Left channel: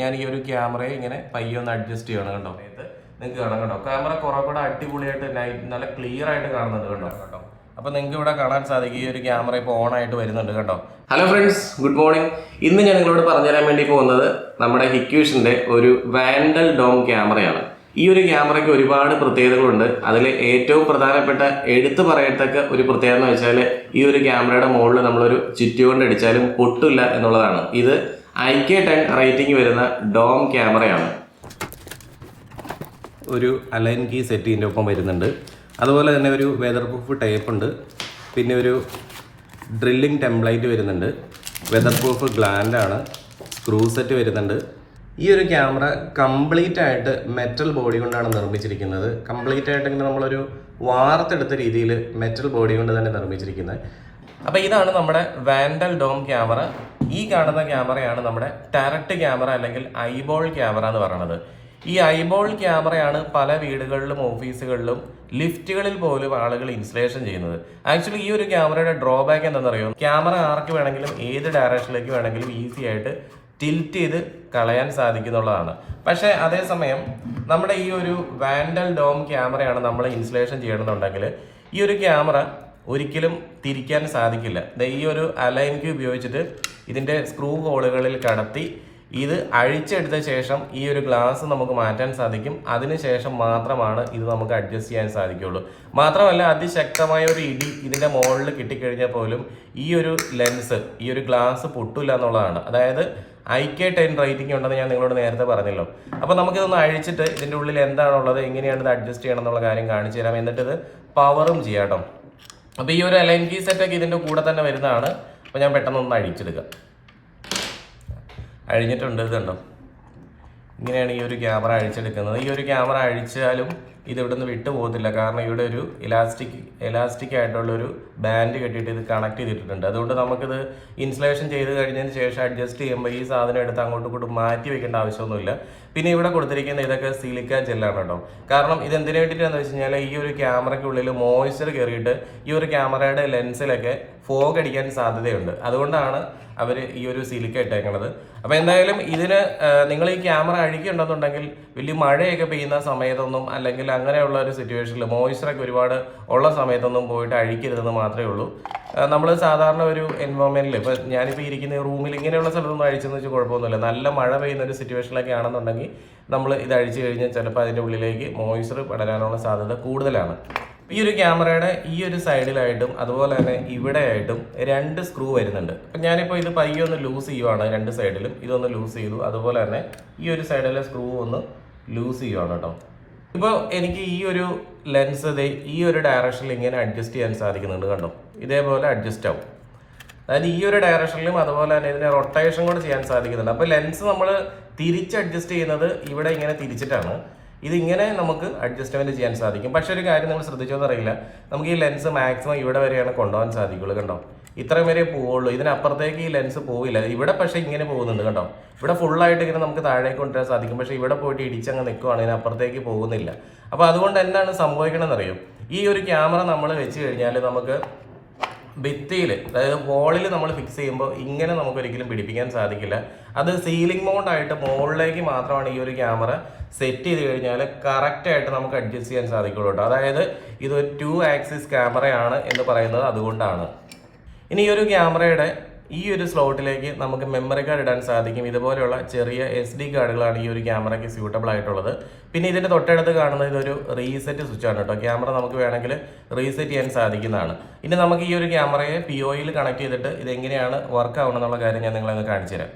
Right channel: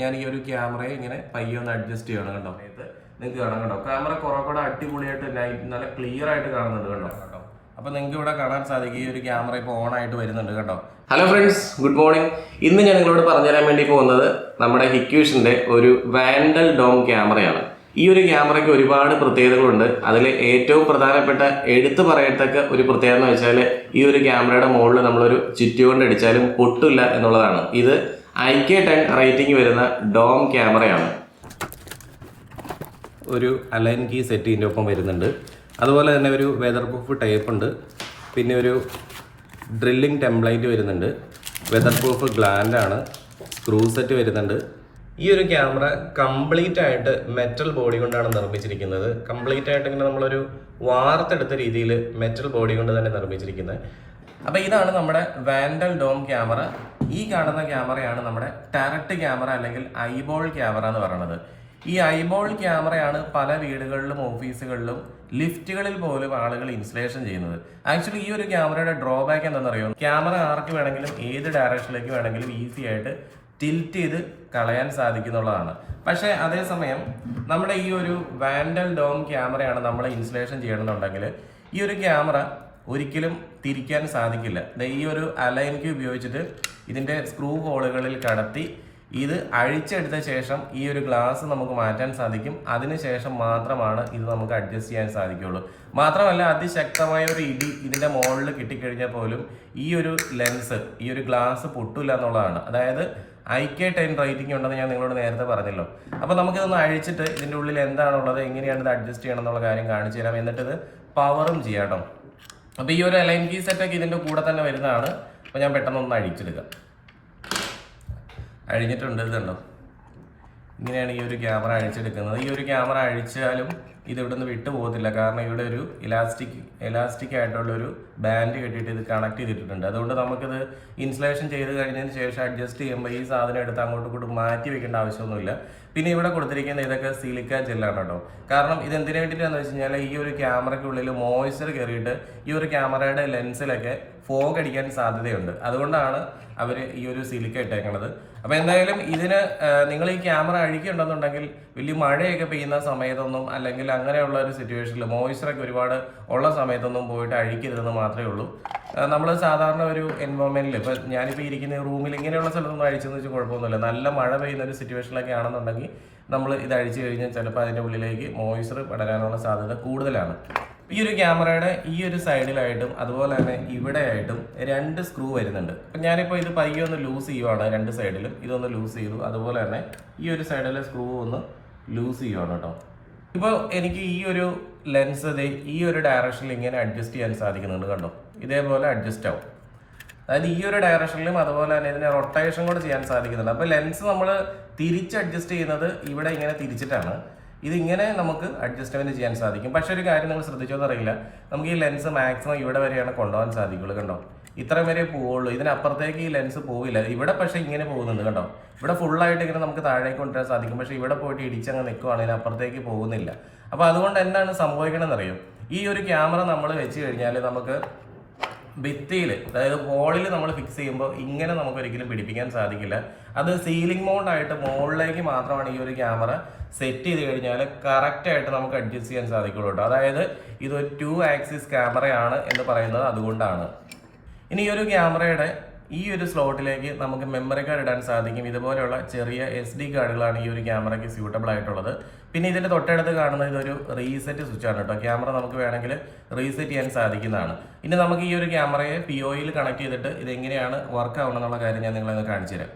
ഞാൻ ഈ ഒരു ക്യാമറയെ ഇങ്ങനെ പയ്യെ ഒന്ന് അഡ്ജസ്റ്റ് ചെയ്യണം കേട്ടോ. നിങ്ങൾക്ക് കാണാം കേട്ടോ, ക്യാമറ കുറെ കൂടെ അടിപൊളിയായിട്ട് നല്ല ക്ലിയർ ആയിട്ട് കാണുന്നുണ്ട് കേട്ടോ. അപ്പോൾ നിങ്ങൾക്ക് ഇവിടെ കാണാൻ സാധിക്കും ഈ ഒരു ക്യാമറ ഇപ്പോൾ ഓൺ ആയിട്ട് വരുന്നുണ്ട് കേട്ടോ. Hello friends, good morning. ഇന്ന് ഞാൻ നിങ്ങളോട് പറഞ്ഞുതരാൻ വേണ്ടി പോകുന്നത് നമ്മുടെ ഹിക്യൂഷൻ്റെ ഒരു വാൻഡൽ ഡോം ക്യാമറയാണ്. ഈ ഒരു ക്യാമറയ്ക്ക് ഒരുപാട് പ്രത്യേകതകളുണ്ട്. അതിൽ ഏറ്റവും പ്രധാനപ്പെട്ട എടുത്തു പറയത്തക്ക ഒരു പ്രത്യേകത എന്ന് വെച്ചാൽ ഈ ഒരു ക്യാമറയുടെ മുകളിൽ നമ്മളൊരു ചുറ്റി കൊണ്ട് അടിച്ചാലും പൊട്ടില്ല എന്നുള്ളതാണ്. ഇത് IK10 റേറ്റിംഗ് വരുന്ന ഡോം ക്യാമറയാണ്. ഒരു അലൈൻ കീ സെറ്റിൻ്റെ ഒപ്പം വരുന്നുണ്ട്. അതുപോലെ തന്നെ ഒരു വെതർ പ്രൂഫ് ടേപ്പ് ഉണ്ട്. പിന്നെ ഒരു ഡ്രില്ലിംഗ് ടെംപ്ലേറ്റ് വരുന്നുണ്ട്. വെതർ പ്രൂഫ് ഗ്ലാൻഡാണ്. സ്ക്രൂ സെറ്റ് വരുന്നുണ്ട്. ഈ ഒരു ക്യാമറ കംപ്ലീറ്റ് ആയിട്ട് മെറ്റൽ ബോഡി കൊണ്ടാണ് നിർമ്മിച്ചിരിക്കുന്നത്. കംപ്ലീറ്റ് ആയിട്ട് ഇങ്ങനെ നമ്മളൊരു വാർത്തെടുത്ത രീതിയിൽ മെറ്റൽ ബോഡി കൊണ്ട് തന്നെ നിർമ്മിച്ചിരിക്കുന്നത്. അപ്പോൾ ഇതാണ് നമ്മുടെ വാൻഡൽ ഡോം ക്യാമറ. ഈ കാണുന്ന ക്യാമറയാണ് നമ്മുടെ ടാരറ്റ് ക്യാമറ അല്ലെങ്കിൽ ഐബോൾ ക്യാമറ എന്ന് പറയുന്നത്. ഈ ഐബോൾ ക്യാമറയാണ് പല വീടുകളിലും ഓഫീസുകളിലും ലിഫ്റ്റുകളിൽ പോലും ആളുകൾ ഇൻസ്റ്റലേഷൻ ചെയ്യുന്നത്. ആക്ച്വലി ഈ ഒരു ക്യാമറയുടെ ഡ്രോബാക്ക് എന്താണെന്നറിയോ, ക്യാമറ ആർക്ക് വേണമെങ്കിലും ഏത് ഡയറക്ഷനിലേക്ക് വേണമെങ്കിലും ഈസി ആയിട്ട് ടിൽറ്റ് ചെയ്ത് കളയാൻ സാധിക്കുന്നുള്ളതാണ്. പക്ഷേ അതേസമയം നമ്മുടെ ഈ ഒരു വാൻഡൽ ഡോം ക്യാമറയാണ് നമ്മൾ ഇൻസ്റ്റലേഷൻ ചെയ്യണമെന്നുണ്ടെങ്കിൽ ഈ ഒരു ക്യാമറ ഒരിക്കലും തിരിക്കാൻ സാധിക്കില്ല. ഈ ഒരു അലൈൻ കീ ഉപയോഗിച്ചിട്ട് ഇതിൻ്റെ സ്ക്രൂ ഹോളുകളിൽ കടത്തി ഇത് അഴിച്ചെടുത്ത ശേഷം ഈ ഒരു ഗ്ലാസ് നമുക്ക് മാറ്റാൻ സാധിക്കും. അതിനുശേഷം മാത്രമാണ് ഇത് നമുക്ക് അഡ്ജസ്റ്റ് ചെയ്യാൻ സാധിക്കുകയുള്ളൂ. മാത്രമല്ല അതിശക്തമായ ഒരു ഇടി ഇതിൻ്റെ മുകളിൽ കിട്ടിക്കഴിഞ്ഞാൽ പോലും ഈ ഒരു ലെൻസ്, ഈ ഒരു ഗ്ലാസ് പൊട്ടില്ല എന്നുള്ളതാണ്. അതായത് IK10 റേറ്റിംഗ് ഉണ്ടെന്ന് ഞാൻ നിങ്ങളോട് നേരത്തെ പറഞ്ഞല്ലോ. അപ്പോൾ നമുക്കിതൊന്ന് അഴിച്ചിട്ട് ഇതിൻ്റെ ഉള്ളിൽ എന്താണുള്ളത്, എങ്ങനെയാണ് ഇത് അഡ്ജസ്റ്റ് ചെയ്യണം എന്നുള്ള കാര്യം കാണിച്ചു തരാം. എന്നിട്ട് ഇത് പവറും ചെയ്യാം കേട്ടോ. അപ്പോൾ ഈ ഒരു അലൈൻ കീ സെറ്റൊക്കെ ഇതിൻ്റെ കൂടെ തന്നെ വരുന്നതാണ്. അപ്പോൾ ഞാൻ പെട്ടെന്നൊന്ന് അഴിച്ചെടുക്കാം. അഴിഞ്ഞിട്ടുണ്ട്, ഇതുണ്ടോ, ഇങ്ങനെയാണ് ഈ ഒരു ക്യാമറ അഴിച്ചെടുക്കുന്നത്. ഈ ഒരു ക്യാമറ അഴിച്ചാലും ഇത് ഇവിടെ നിന്ന് വിട്ടു പോകത്തില്ല. കാരണം ഇവിടെ ഒരു ഇലാസ്റ്റിക് ആയിട്ടുള്ളൊരു ബാൻഡ് കെട്ടിയിട്ട് ഇത് കണക്ട് ചെയ്തിട്ടുണ്ട്. അതുകൊണ്ട് നമുക്കിത് ഇൻസ്റ്റലേഷൻ ചെയ്ത് കഴിഞ്ഞതിന് ശേഷം അഡ്ജസ്റ്റ് ചെയ്യുമ്പോൾ ഈ സാധനം എടുത്ത് അങ്ങോട്ടും ഇങ്ങോട്ടും മാറ്റി വെക്കേണ്ട ആവശ്യമൊന്നുമില്ല. പിന്നെ ഇവിടെ കൊടുത്തിരിക്കുന്ന ഇതൊക്കെ സിലിക്ക ജെല്ലാണ് കേട്ടോ. കാരണം ഇത് എന്തിനു വേണ്ടിയിട്ടാണെന്ന് വെച്ച് കഴിഞ്ഞാൽ ഈ ഒരു ക്യാമറയ്ക്കുള്ളിൽ മോയ്സ്ചർ കയറിയിട്ട് ഈ ഒരു ക്യാമറയുടെ ലെൻസിലൊക്കെ ഫോഗ് അടിക്കാൻ സാധ്യതയുണ്ട്. അതുകൊണ്ടാണ് അവർ ഈ ഒരു സിലിക്ക ഇട്ടേക്കണത്. അപ്പോൾ എന്തായാലും ഇതിന് നിങ്ങൾ ഈ ക്യാമറ അഴിക്കുന്നുണ്ടെന്നുണ്ടെങ്കിൽ വലിയ മഴയൊക്കെ പെയ്യുന്ന സമയത്തൊന്നും അല്ലെങ്കിൽ അങ്ങനെയുള്ള ഒരു സിറ്റുവേഷനിൽ മോയ്സ്ചറൊക്കെ ഒരുപാട് ഉള്ള സമയത്തൊന്നും പോയിട്ട് അഴിക്കരുതെന്ന് മാത്രമേ ഉള്ളൂ. നമ്മൾ സാധാരണ ഒരു എൻവയോൺമെൻറ്റിൽ ഇപ്പോൾ ഞാനിപ്പോൾ ഇരിക്കുന്ന റൂമിൽ ഇങ്ങനെയുള്ള സ്ഥലത്തൊന്നും അഴിച്ചെന്ന് വെച്ചാൽ കുഴപ്പമൊന്നുമില്ല. നല്ല മഴ പെയ്യുന്ന ഒരു സിറ്റുവേഷനിലൊക്കെ ആണെന്നുണ്ടെങ്കിൽ നമ്മൾ ഇത് അഴിച്ചു കഴിഞ്ഞാൽ ചിലപ്പോൾ അതിൻ്റെ ഉള്ളിലേക്ക് മോയ്സ്ചർ പടരാനുള്ള സാധ്യത കൂടുതലാണ്. ഈ ഒരു ക്യാമറയുടെ ഈ ഒരു സൈഡിലായിട്ടും അതുപോലെ തന്നെ ഇവിടെയായിട്ടും 2 സ്ക്രൂ വരുന്നുണ്ട്. അപ്പം ഞാനിപ്പോൾ ഇത് പയ്യെ ഒന്ന് ലൂസ് ചെയ്യുവാണ്. 2 സൈഡിലും ഇതൊന്ന് ലൂസ് ചെയ്തു. അതുപോലെ തന്നെ ഈ ഒരു സൈഡിലെ സ്ക്രൂ ഒന്ന് ലൂസ് ചെയ്യുവാണ് കേട്ടോ. ഇപ്പോൾ എനിക്ക് ഈ ഒരു ലെൻസ് ഈ ഒരു ഡയറക്ഷനിൽ ഇങ്ങനെ അഡ്ജസ്റ്റ് ചെയ്യാൻ സാധിക്കുന്നുണ്ട്. കണ്ടോ, ഇതേപോലെ അഡ്ജസ്റ്റ് ആവും. അതായത് ഈ ഒരു ഡയറക്ഷനിലും അതുപോലെ തന്നെ ഇതിനെ റൊട്ടേഷൻ കൂടെ ചെയ്യാൻ സാധിക്കുന്നുണ്ട്. അപ്പോൾ ലെൻസ് നമ്മൾ തിരിച്ച് അഡ്ജസ്റ്റ് ചെയ്യുന്നത് ഇവിടെ ഇങ്ങനെ തിരിച്ചിട്ടാണ്. ഇതിങ്ങനെ നമുക്ക് അഡ്ജസ്റ്റ്മെൻറ്റ് ചെയ്യാൻ സാധിക്കും. പക്ഷേ ഒരു കാര്യം നമ്മൾ ശ്രദ്ധിച്ചോന്ന് അറിയില്ല, നമുക്ക് ഈ ലെൻസ് മാക്സിമം ഇവിടെ വരെയാണ് കൊണ്ടുപോകാൻ സാധിക്കുള്ളൂ. കണ്ടോ, ഇത്രയും വരെ പോവുള്ളൂ. ഇതിനപ്പുറത്തേക്ക് ഈ ലെൻസ് പോവില്ല. ഇവിടെ പക്ഷേ ഇങ്ങനെ പോകുന്നുണ്ട്. കണ്ടോ, ഇവിടെ ഫുള്ളായിട്ട് ഇങ്ങനെ നമുക്ക് താഴേക്ക് കൊണ്ടുവരാൻ സാധിക്കും. പക്ഷേ ഇവിടെ പോയിട്ട് ഇടിച്ചങ്ങ് നിൽക്കുവാണ്, ഇതിനപ്പുറത്തേക്ക് പോകുന്നില്ല. അപ്പോൾ അതുകൊണ്ട് എന്താണ് സംഭവിക്കണമെന്നറിയും, ഈ ഒരു ക്യാമറ നമ്മൾ വെച്ച് കഴിഞ്ഞാൽ നമുക്ക് ഭിത്തിയിൽ, അതായത് വോളിൽ നമ്മൾ ഫിക്സ് ചെയ്യുമ്പോൾ ഇങ്ങനെ നമുക്ക് ഒരിക്കലും പിടിപ്പിക്കാൻ സാധിക്കില്ല. അത് സീലിംഗ് മൗണ്ടായിട്ട് മുകളിലേക്ക് മാത്രമാണ് ഈ ഒരു ക്യാമറ സെറ്റ് ചെയ്ത് കഴിഞ്ഞാൽ കറക്റ്റായിട്ട് നമുക്ക് അഡ്ജസ്റ്റ് ചെയ്യാൻ സാധിക്കുള്ളൂ കേട്ടോ. അതായത് ഇതൊരു 2 ആക്സിസ് ക്യാമറയാണ് എന്ന് പറയുന്നത് അതുകൊണ്ടാണ്. ഇനി ഈ ഒരു ക്യാമറയുടെ ഈ ഒരു സ്ലോട്ടിലേക്ക് നമുക്ക് മെമ്മറി കാർഡ് ഇടാൻ സാധിക്കും. ഇതുപോലെയുള്ള ചെറിയ SD കാർഡുകളാണ് ഈ ഒരു ക്യാമറയ്ക്ക് സ്യൂട്ടബിൾ ആയിട്ടുള്ളത്. പിന്നെ ഇതിൻ്റെ തൊട്ടടുത്ത് കാണുന്നത് ഇതൊരു റീസെറ്റ് സ്വിച്ചാണ് കേട്ടോ. ക്യാമറ നമുക്ക് വേണമെങ്കിൽ റീസെറ്റ് ചെയ്യാൻ സാധിക്കുന്നതാണ്. ഇനി നമുക്ക് ഈ ഒരു ക്യാമറയെ POയിൽ കണക്ട് ചെയ്തിട്ട് ഇതെങ്ങനെയാണ് വർക്ക് ആവണമെന്നുള്ള കാര്യം ഞാൻ നിങ്ങളെ കാണിച്ചു തരാം.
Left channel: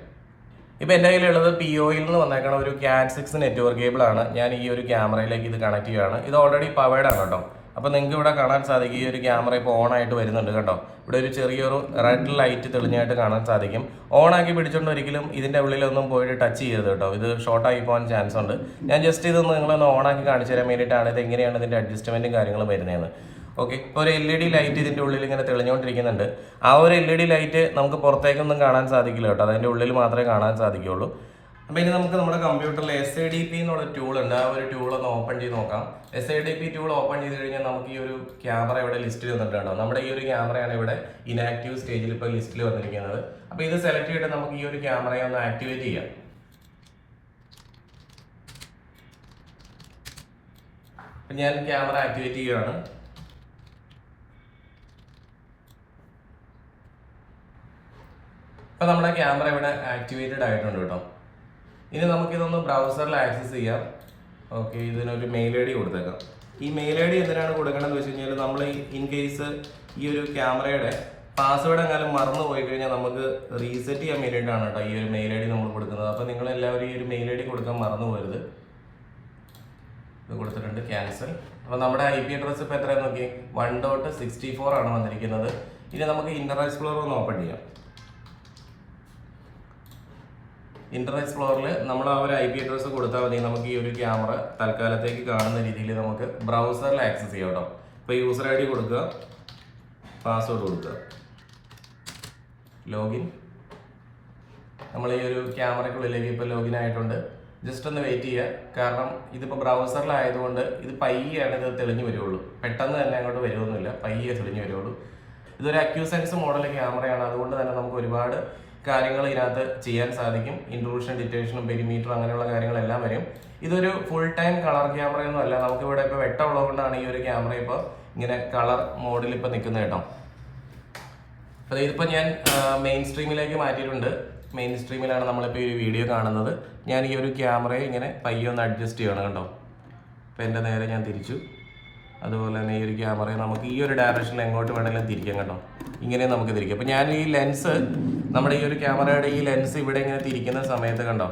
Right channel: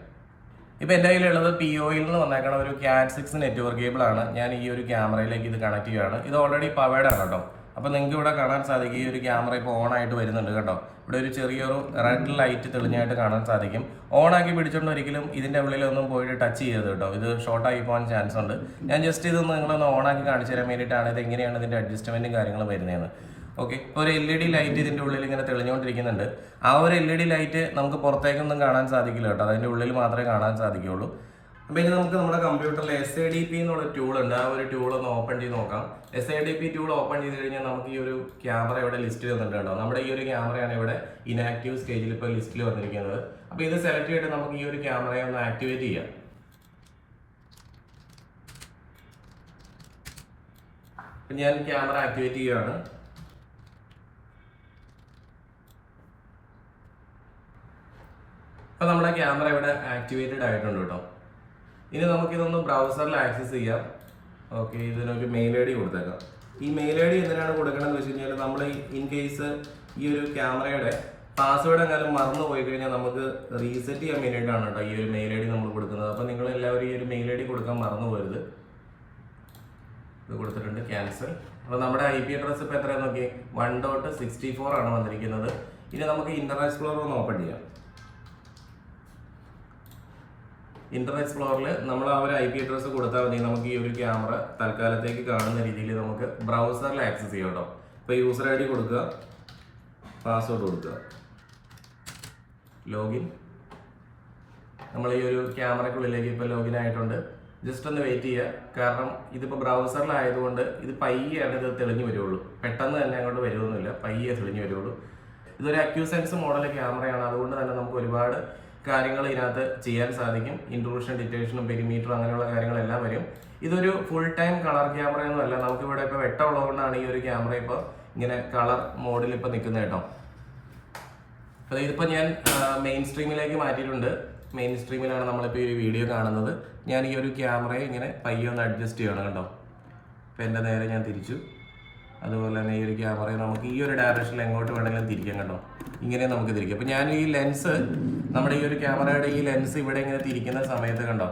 ഇപ്പോൾ എൻ്റെ കയ്യിലുള്ളത് POയിൽ നിന്ന് വന്നേക്കണ ഒരു Cat6 നെറ്റ്വർക്ക് കേബിളാണ്. ഞാൻ ഈ ഒരു ക്യാമറയിലേക്ക് ഇത് കണക്ട് ചെയ്യുകയാണ്. ഇത് ഓൾറെഡി പവേർഡ് ആണ് കേട്ടോ. അപ്പോൾ നിങ്ങൾക്ക് ഇവിടെ കാണാൻ സാധിക്കും ഈ ഒരു ക്യാമറ ഇപ്പോൾ ഓൺ ആയിട്ട് വരുന്നുണ്ട് കേട്ടോ. ഇവിടെ ഒരു ചെറിയൊരു റെഡ് ലൈറ്റ് തെളിഞ്ഞായിട്ട് കാണാൻ സാധിക്കും. ഓണാക്കി പിടിച്ചുകൊണ്ട് ഒരിക്കലും ഇതിൻ്റെ ഉള്ളിലൊന്നും പോയിട്ട് ടച്ച് ചെയ്യരുത് കേട്ടോ. ഇത് ഷോർട്ടായി പോകാൻ ചാൻസ് ഉണ്ട്. ഞാൻ ജസ്റ്റ് ഇതൊന്ന് നിങ്ങളൊന്ന് ഓണാക്കി കാണിച്ചു തരാൻ വേണ്ടിയിട്ടാണ് ഇത് എങ്ങനെയാണ് ഇതിൻ്റെ അഡ്ജസ്റ്റ്മെൻറ്റും കാര്യങ്ങളും വരുന്നതെന്ന്. ഓക്കെ, ഇപ്പോൾ ഒരു LED ലൈറ്റ് ഇതിൻ്റെ ഉള്ളിൽ ഇങ്ങനെ തെളിഞ്ഞുകൊണ്ടിരിക്കുന്നുണ്ട്. ആ ഒരു LED ലൈറ്റ് നമുക്ക് പുറത്തേക്കൊന്നും കാണാൻ സാധിക്കില്ല കേട്ടോ. അതിൻ്റെ ഉള്ളിൽ മാത്രമേ കാണാൻ സാധിക്കുകയുള്ളൂ. അപ്പോൾ ഇനി നമുക്ക് നമ്മുടെ കമ്പ്യൂട്ടറിൽ SADP എന്നുള്ള ടൂൾ ഉണ്ട്. ആ ഒരു ടൂൾ ഒന്ന് ഓപ്പൺ ചെയ്ത് നോക്കാം. SADP ടൂൾ ഓപ്പൺ ചെയ്ത് കഴിഞ്ഞാൽ നമുക്ക് ഈ ഒരു ക്യാമറ ഇവിടെ ലിസ്റ്റിൽ വന്നിട്ടുണ്ടോ. നമ്മുടെ ഈ ഒരു ക്യാമറയാണ് ഇവിടെ ഇനാക്റ്റീവ് സ്റ്റേജിൽ ഇപ്പോൾ ലിസ്റ്റിൽ വന്നിരിക്കുന്നത്. അപ്പോൾ ഇത് സെലക്ട് ചെയ്തിട്ട് നമുക്ക് ഈ ഒരു ക്യാമറയെ ഒന്ന് ആക്ടിവേറ്റ് ചെയ്യാം. അപ്പം ഞാൻ ക്യാമറ ആക്ടിവേറ്റ് ചെയ്യുകയാണ്. അപ്പോൾ നമ്മുടെ ക്യാമറ ഇവിടെ ആക്ടിവേറ്റഡ് ആയിട്ടുണ്ട് കേട്ടോ. ഇനി നമുക്കിതൊന്ന് ബ്രൗസറിൽ ആക്സസ് ചെയ്യാം. ഓക്കെ, ഇതിനൊരു മെയിൽ ഐ ഡി കൊടുത്തേക്കാം. ഈ മെയിൽ ഐ ഡി എന്തിനാണ് കൊടുക്കണമെന്ന് വെച്ച് കഴിഞ്ഞാൽ നമ്മൾ ഇൻ കേസ് ഈ ഒരു ക്യാമറയുടെ പാസ്വേഡ് എങ്ങാനും മറന്നു പോയി കഴിഞ്ഞാൽ നമുക്ക് റീസെറ്റ് ചെയ്യാൻ വേണ്ടിയിട്ടാണ് കേട്ടോ ഈ ഒരു മെയിൽ ഐ ഡി നമ്മൾ കൊടുക്കുന്നത്. അപ്പോൾ നിങ്ങൾ എല്ലാവരും ഈ ഒരു മെയിൽ ഐ ഡി കൊടുക്കാൻ മറന്നു പോകരുത്. ഇത് കൊടുത്തിട്ടുണ്ട്, ക്യാൻസൽ. അപ്പോൾ നമ്മുടെ IP അഡ്രസ്സ് ഇപ്പോൾ എത്രയാണെന്ന് നോക്കി, 1.64 ആണ് വന്നിരിക്കുന്നത്. ഇനി നമുക്ക് ഇന്റർനെറ്റ് എക്സ്പ്ലോറർ ഒന്ന് ഓപ്പൺ ചെയ്യാം. ഇന്റർനെറ്റ് എക്സ്പ്ലോറിൽ നമ്മൾ ആ ഒരു IP അഡ്രസ്സ് കൊടുത്താൽ മതി. നമുക്ക് ഈ ഒരു ക്യാമറ തൽക്കാലത്തേക്ക് കാണുന്ന രീതിയിൽ നമുക്ക് ബ്രൗസറിൽ ആക്സസ് ചെയ്യാം കേട്ടോ. ഇപ്പോൾ യൂസർ ID കൊടുക്കുക, പാസ്വേഡ് കൊടുക്കുക, ലോഗിൻ. നമ്മൾ ഈ ഒരു ക്യാമറയ്ക്കുള്ളിലേക്ക് ഇപ്പോൾ ലോഗിൻ ആയിട്ടുണ്ട്. ജസ്റ്റ് ഒന്ന് വെയിറ്റ് ചെയ്യുക, കാരണം ഇതിപ്പോൾ ബ്രൗസറിലായതുകൊണ്ട് ഇത് പയ്യാണ് ഇത് തെളിഞ്ഞു വരുള്ളൂ. പെട്ടെന്ന് തന്നെ അങ്ങോട്ട് വരുമൊന്നുമില്ല, പയ്യെ തെളിഞ്ഞു വരുള്ളൂ. ഇതൊരു അക്യൂസെൻസ് മോഡൽ ക്യാമറയാണ്, അതുകൊണ്ട് തന്നെ നമുക്ക് ഒരുപാട് കാര്യങ്ങൾ ഇതിനകത്ത് ചെയ്യാൻ സാധിക്കും. ഇൻട്രൂഷൻ, ഡിറ്റേഷനും, പെരിമീറ്റർ അങ്ങനെയുള്ള കാര്യങ്ങളെല്ലാം വരും. ഇതൊരു ഫുൾ ടൈം കളർ ക്യാമറയൊന്നും അല്ല. നമുക്കിവിടെ ഇപ്പോൾ വെട്ടമുള്ളതുകൊണ്ടാണ് ഈ ഒരു ക്യാമറ ഇപ്പോൾ ഇങ്ങനെ കളർ മോഡിൽ ഇപ്പോൾ നിൽക്കുന്നത് കേട്ടോ. അപ്പോൾ ഇതിപ്പോൾ ഞാൻ മെയിൻ സ്ട്രീമിലേക്ക് മാറ്റിയിട്ടുണ്ട്. മെയിൻ സ്ട്രീമിലാണ് നമ്മളിപ്പോൾ ഈ വീഡിയോ കാണുന്നത്. ഞാൻ ഈ ഒരു ക്യാമറയെ ഇങ്ങനെ പയ്യെ ഒന്ന് അഡ്ജസ്റ്റ് ചെയ്യണം കേട്ടോ. അപ്പോൾ എൻ്റെ നേരെ ഞാൻ തിരിച്ചു. അതുപോലെ തന്നെ ഈ ഒരു ക്യാമറയെ നമുക്ക് ഈ ഒരു ഡയറക്ഷനിൽ എങ്ങോട്ട് വേണമെങ്കിലും തിരിക്കാം കേട്ടോ. ഇങ്ങനെ നമുക്ക് തിരിക്കാം. അപ്പോൾ ഞാൻ ഈ ലെൻസ്, നമ്മുടെ ഈ ഒരു ക്യാമറയുടെ ഈ ലെൻസ് ഇവിടെ ഇങ്ങനെ തിരിക്കുന്ന സമയത്ത് കണ്ടോ,